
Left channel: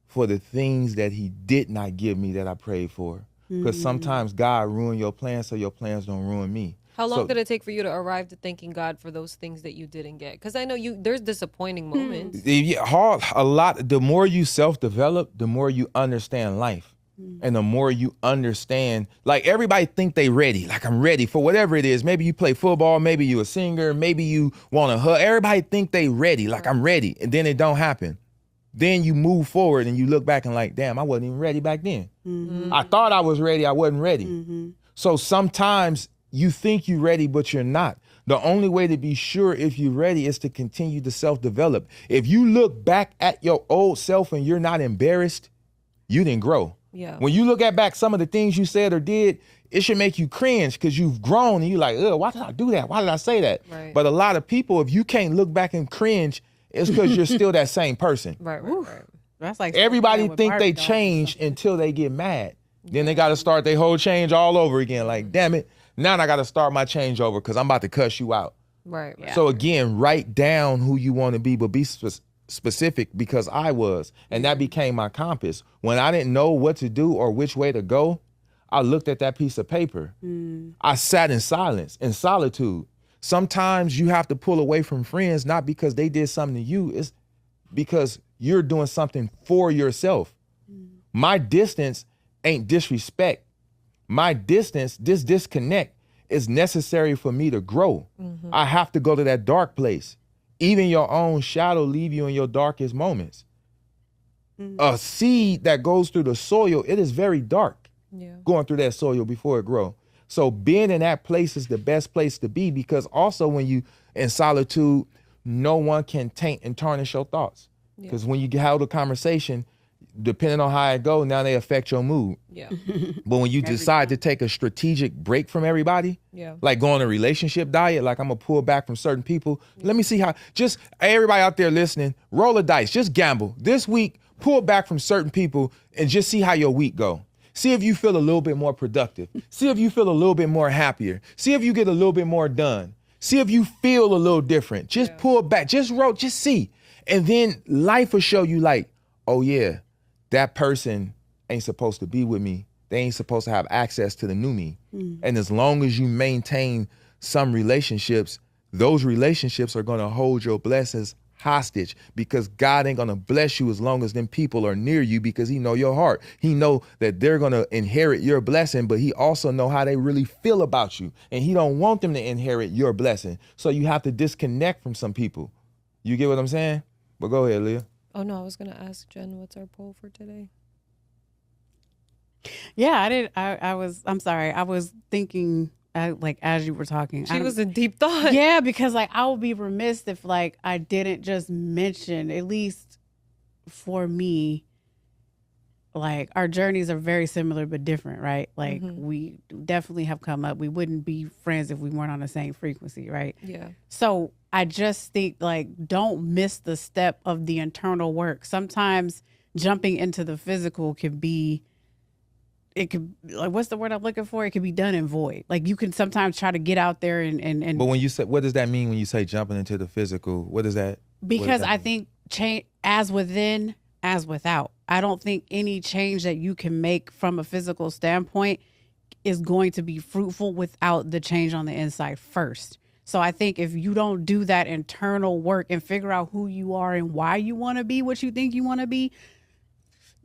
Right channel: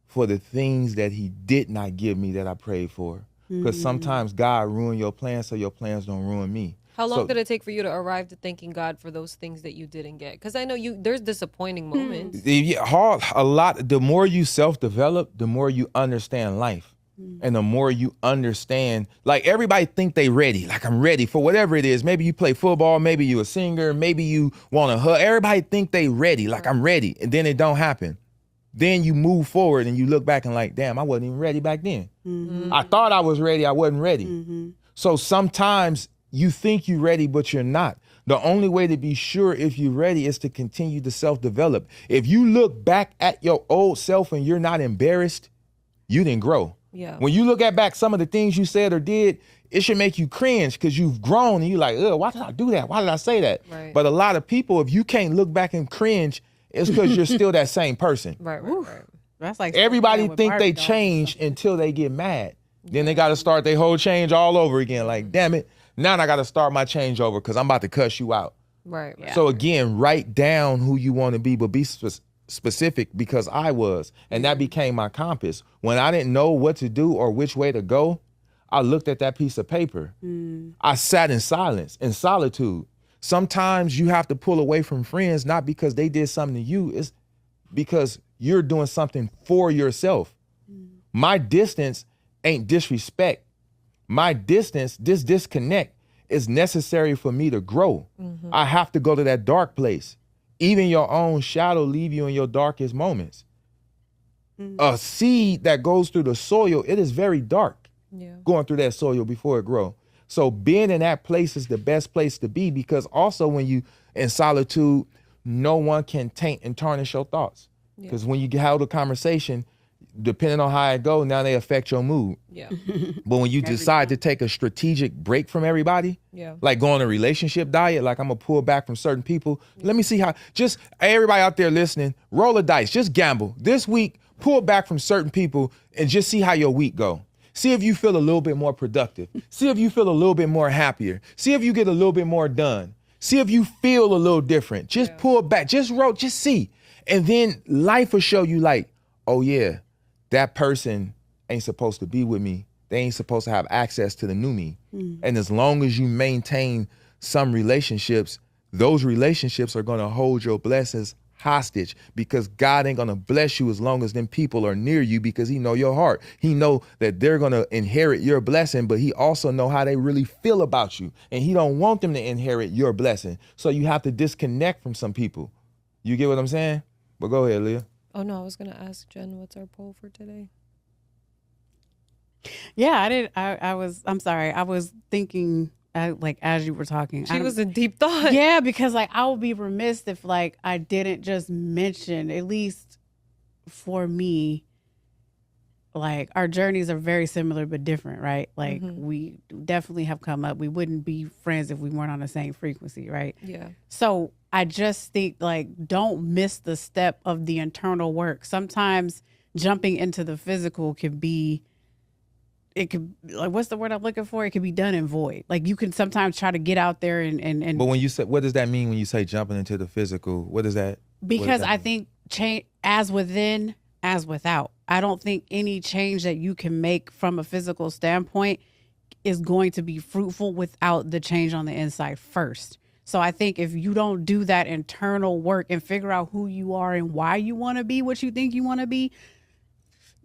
for the things that he did not give me that I prayed for. Because sometimes God ruin your plans so your plans don't ruin me. How long So- did it take for you to arrive to thanking God for those things that you didn't get? Because I know there's disappointing moments. The more you self-develop, the more you understand life. And the more you understand, like everybody think they ready. Like, I'm ready for whatever it is. Maybe you play football, maybe you a singer, maybe you want to hug. Everybody think they ready, like I'm ready. And then it don't happen. Then you move forward and you look back and like, damn, I wasn't even ready back then. I thought I was ready, I wasn't ready. So sometimes you think you're ready, but you're not. The only way to be sure if you're ready is to continue to self-develop. If you look back at your old self and you're not embarrassed, you didn't grow. Yeah. When you look at back some of the things you said or did, it should make you cringe because you've grown and you're like, oh, why did I do that? Why did I say that? Right. But a lot of people, if you can't look back and cringe, it's because you're still that same person. Right. That's like Everybody with think they Barbie dolls. change until they get mad. Then they got to start their whole change all over again. Like, damn it, now I got to start my change over because I'm about to cuss you out. Right. Yeah. So again, write down who you want to be, but be specific, because I was. And that became my compass. When I didn't know what to do or which way to go, I looked at that piece of paper. I sat in silence, in solitude. Sometimes you have to pull away from friends, not because they did something to you, it's because you're doing something for yourself. My distance ain't disrespect. My distance, this disconnect, is necessary for me to grow. I have to go to that dark place. Even your own shadow leave you in your darkest moments. A seed that goes through the soil, it is very dark going through that soil before it grows. So being in that place is the best place to be, because also when you in solitude, no one can taint and tarnish your thoughts. Because when you have a conversation, depending on how it goes, now they affect your mood. Yeah. But when you decide to take a strategic break from everybody, like go on a relationship diet, like I'm gonna pull back from certain people. Let me see how, just everybody out there listening, roll a dice, just gamble. This week, pull back from certain people and just see how your week go. See if you feel a little bit more productive. See if you feel a little bit more happier. See if you get a little bit more done. See if you feel a little different. Just pull back, just roll, just see. And then life will show you like, oh yeah, that person ain't supposed to be with me. They ain't supposed to have access to the new me. And as long as you maintain some relationships, those relationships are gonna hold your blessings hostage, because God ain't gonna bless you as long as them people are near you, because he know your heart. He know that they're gonna inherit your blessing, but he also know how they really feel about you. And he don't want them to inherit your blessing. So you have to disconnect from some people. You get what I'm saying? But go ahead, Leah. Oh no, I was gonna ask Jen, what's our poll for today? Yeah, I did. I'm sorry. I was thinking, like, as you were talking. She was in deep thought. Yeah, because, like, I would be remiss if, like, I didn't just mention, at least for me, like our journeys are very similar but different, right? Like we definitely have come up. We wouldn't be friends if we weren't on the same frequency, right? Yeah. So I just think like don't miss the step of the internal work. Sometimes jumping into the physical could be, it could, like, what's the word I'm looking for? It could be done in void. Like you can sometimes try to get out there and But when you say, what does that mean when you say jumping into the physical? What is that? because I think change as within as without. I don't think any change that you can make from a physical standpoint is going to be fruitful without the change on the inside first. So I think if you don't do that internal work and figure out who you are and why you want to be what you think you want to be,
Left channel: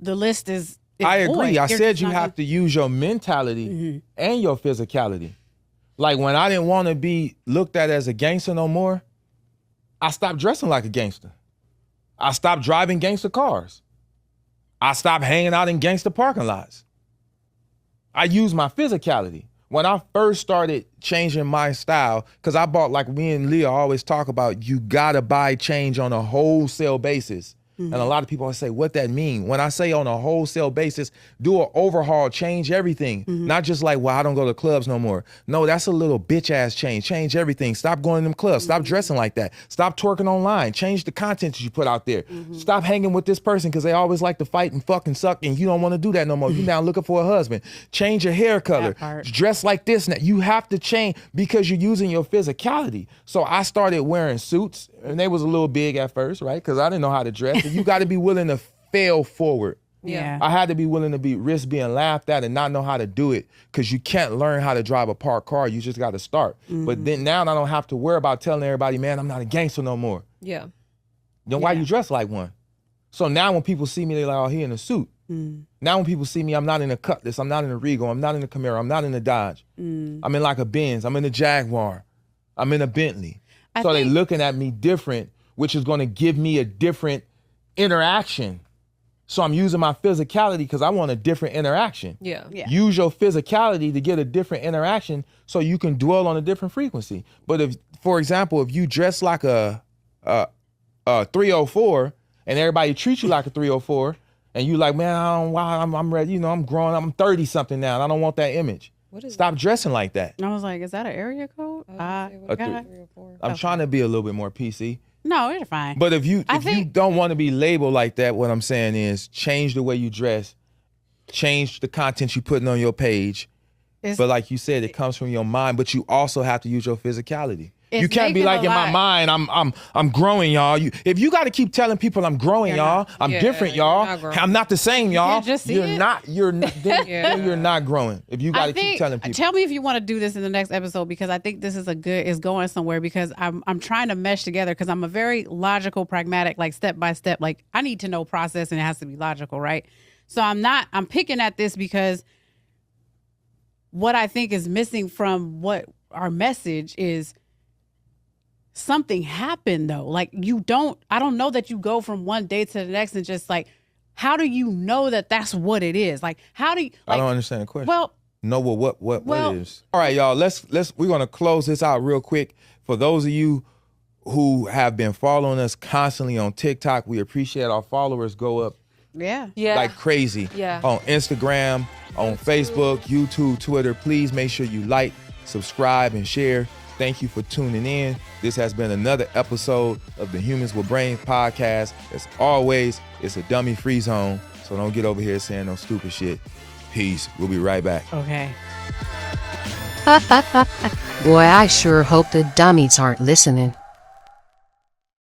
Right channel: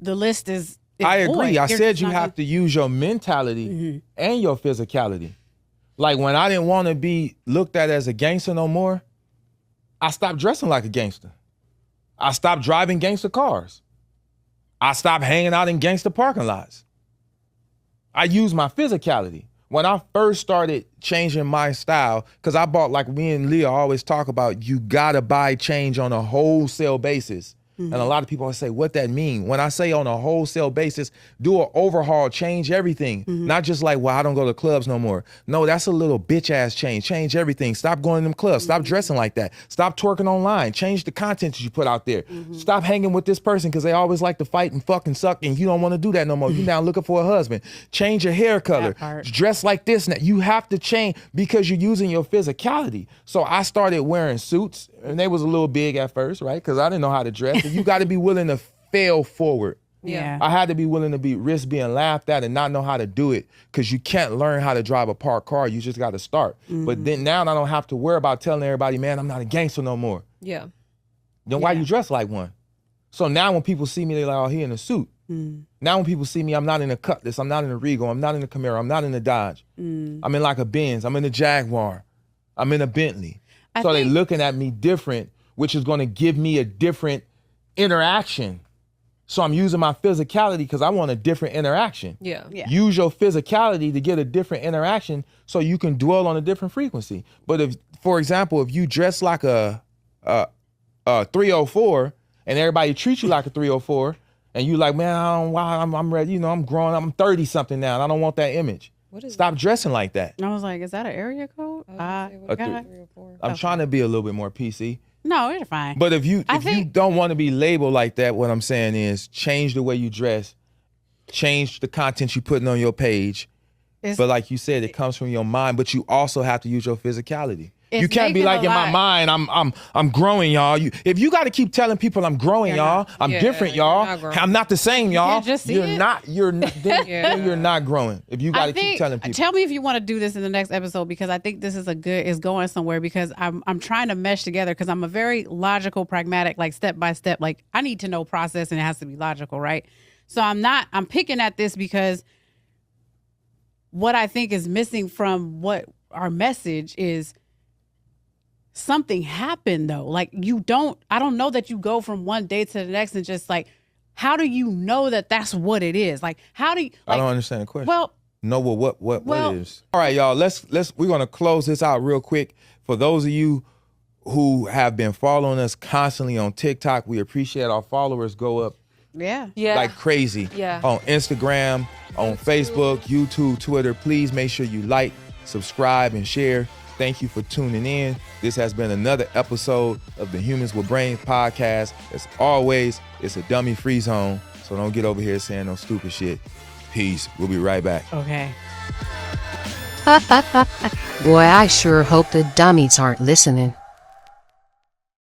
the list is I agree. void. I You're said you not have to use your mentality and your physicality. Like when I didn't want to be looked at as a gangster no more, I stopped dressing like a gangster. I stopped driving gangster cars. I stopped hanging out in gangster parking lots. I used my physicality. When I first started changing my style, because I bought, like me and Leah always talk about, you gotta buy change on a wholesale basis. And a lot of people always say, what that mean? When I say on a wholesale basis, do an overhaul, change everything. Not just like, well, I don't go to clubs no more. No, that's a little bitch ass change. Change everything. Stop going to them clubs. Stop dressing like that. Stop twerking online. Change the content that you put out there. Stop hanging with this person because they always like to fight and fucking suck and you don't want to do that no more. You now looking for a husband. Change your hair color. Dress like this. Now you have to change because you're using your physicality. So I started wearing suits and they was a little big at first, right? Because I didn't know how to dress. You got to be willing to fail forward. Yeah. I had to be willing to risk being laughed at and not know how to do it because you can't learn how to drive a parked car. You just got to start. But then now I don't have to worry about telling everybody, man, I'm not a gangster no more. Yeah. Then why you dress like one? So now when people see me, they're like, oh, he in a suit. Now when people see me, I'm not in a Cutlass. I'm not in a Regal. I'm not in a Camaro. I'm not in a Dodge. I'm in like a Benz. I'm in a Jaguar. I'm in a Bentley. So they're looking at me different, which is going to give me a different interaction. So I'm using my physicality because I want a different interaction. Yeah. Use your physicality to get a different interaction so you can dwell on a different frequency. But if, for example, if you dress like a 304 and everybody treats you like a 304 and you like, man, I don't, why I'm ready, you know, I'm growing, I'm 30 something now and I don't want that image. Stop dressing like that. I was like, is that an area code? I'm trying to be a little bit more PC. No, you're fine. But if you don't want to be labeled like that, what I'm saying is change the way you dress, change the content you're putting on your page. But like you said, it comes from your mind, but you also have to use your physicality. You can't be like, in my mind, I'm growing, y'all. If you got to keep telling people I'm growing, y'all, I'm different, y'all, I'm not the same, y'all. You're not growing. If you got to keep telling people. Tell me if you want to do this in the next episode because I think this is going somewhere because I'm trying to mesh together because I'm a very logical, pragmatic, like step by step. Like I need to know process and it has to be logical, right? So I'm picking at this because what I think is missing from what our message is. Something happened though. Like I don't know that you go from one day to the next and just like, how do you know that that's what it is? Like, how do you, like, I don't understand the question. Well, know what it is. All right, y'all, we're going to close this out real quick. For those of you who have been following us constantly on TikTok, we appreciate our followers go up like crazy on Instagram, on Facebook, YouTube, Twitter. Please make sure you like, subscribe, and share. Thank you for tuning in. This has been another episode of the Humans with Brains podcast. As always, it's a dummy-free zone, so don't get over here saying no stupid shit. Peace. We'll be right back. Okay. Boy, I sure hope the dummies aren't listening.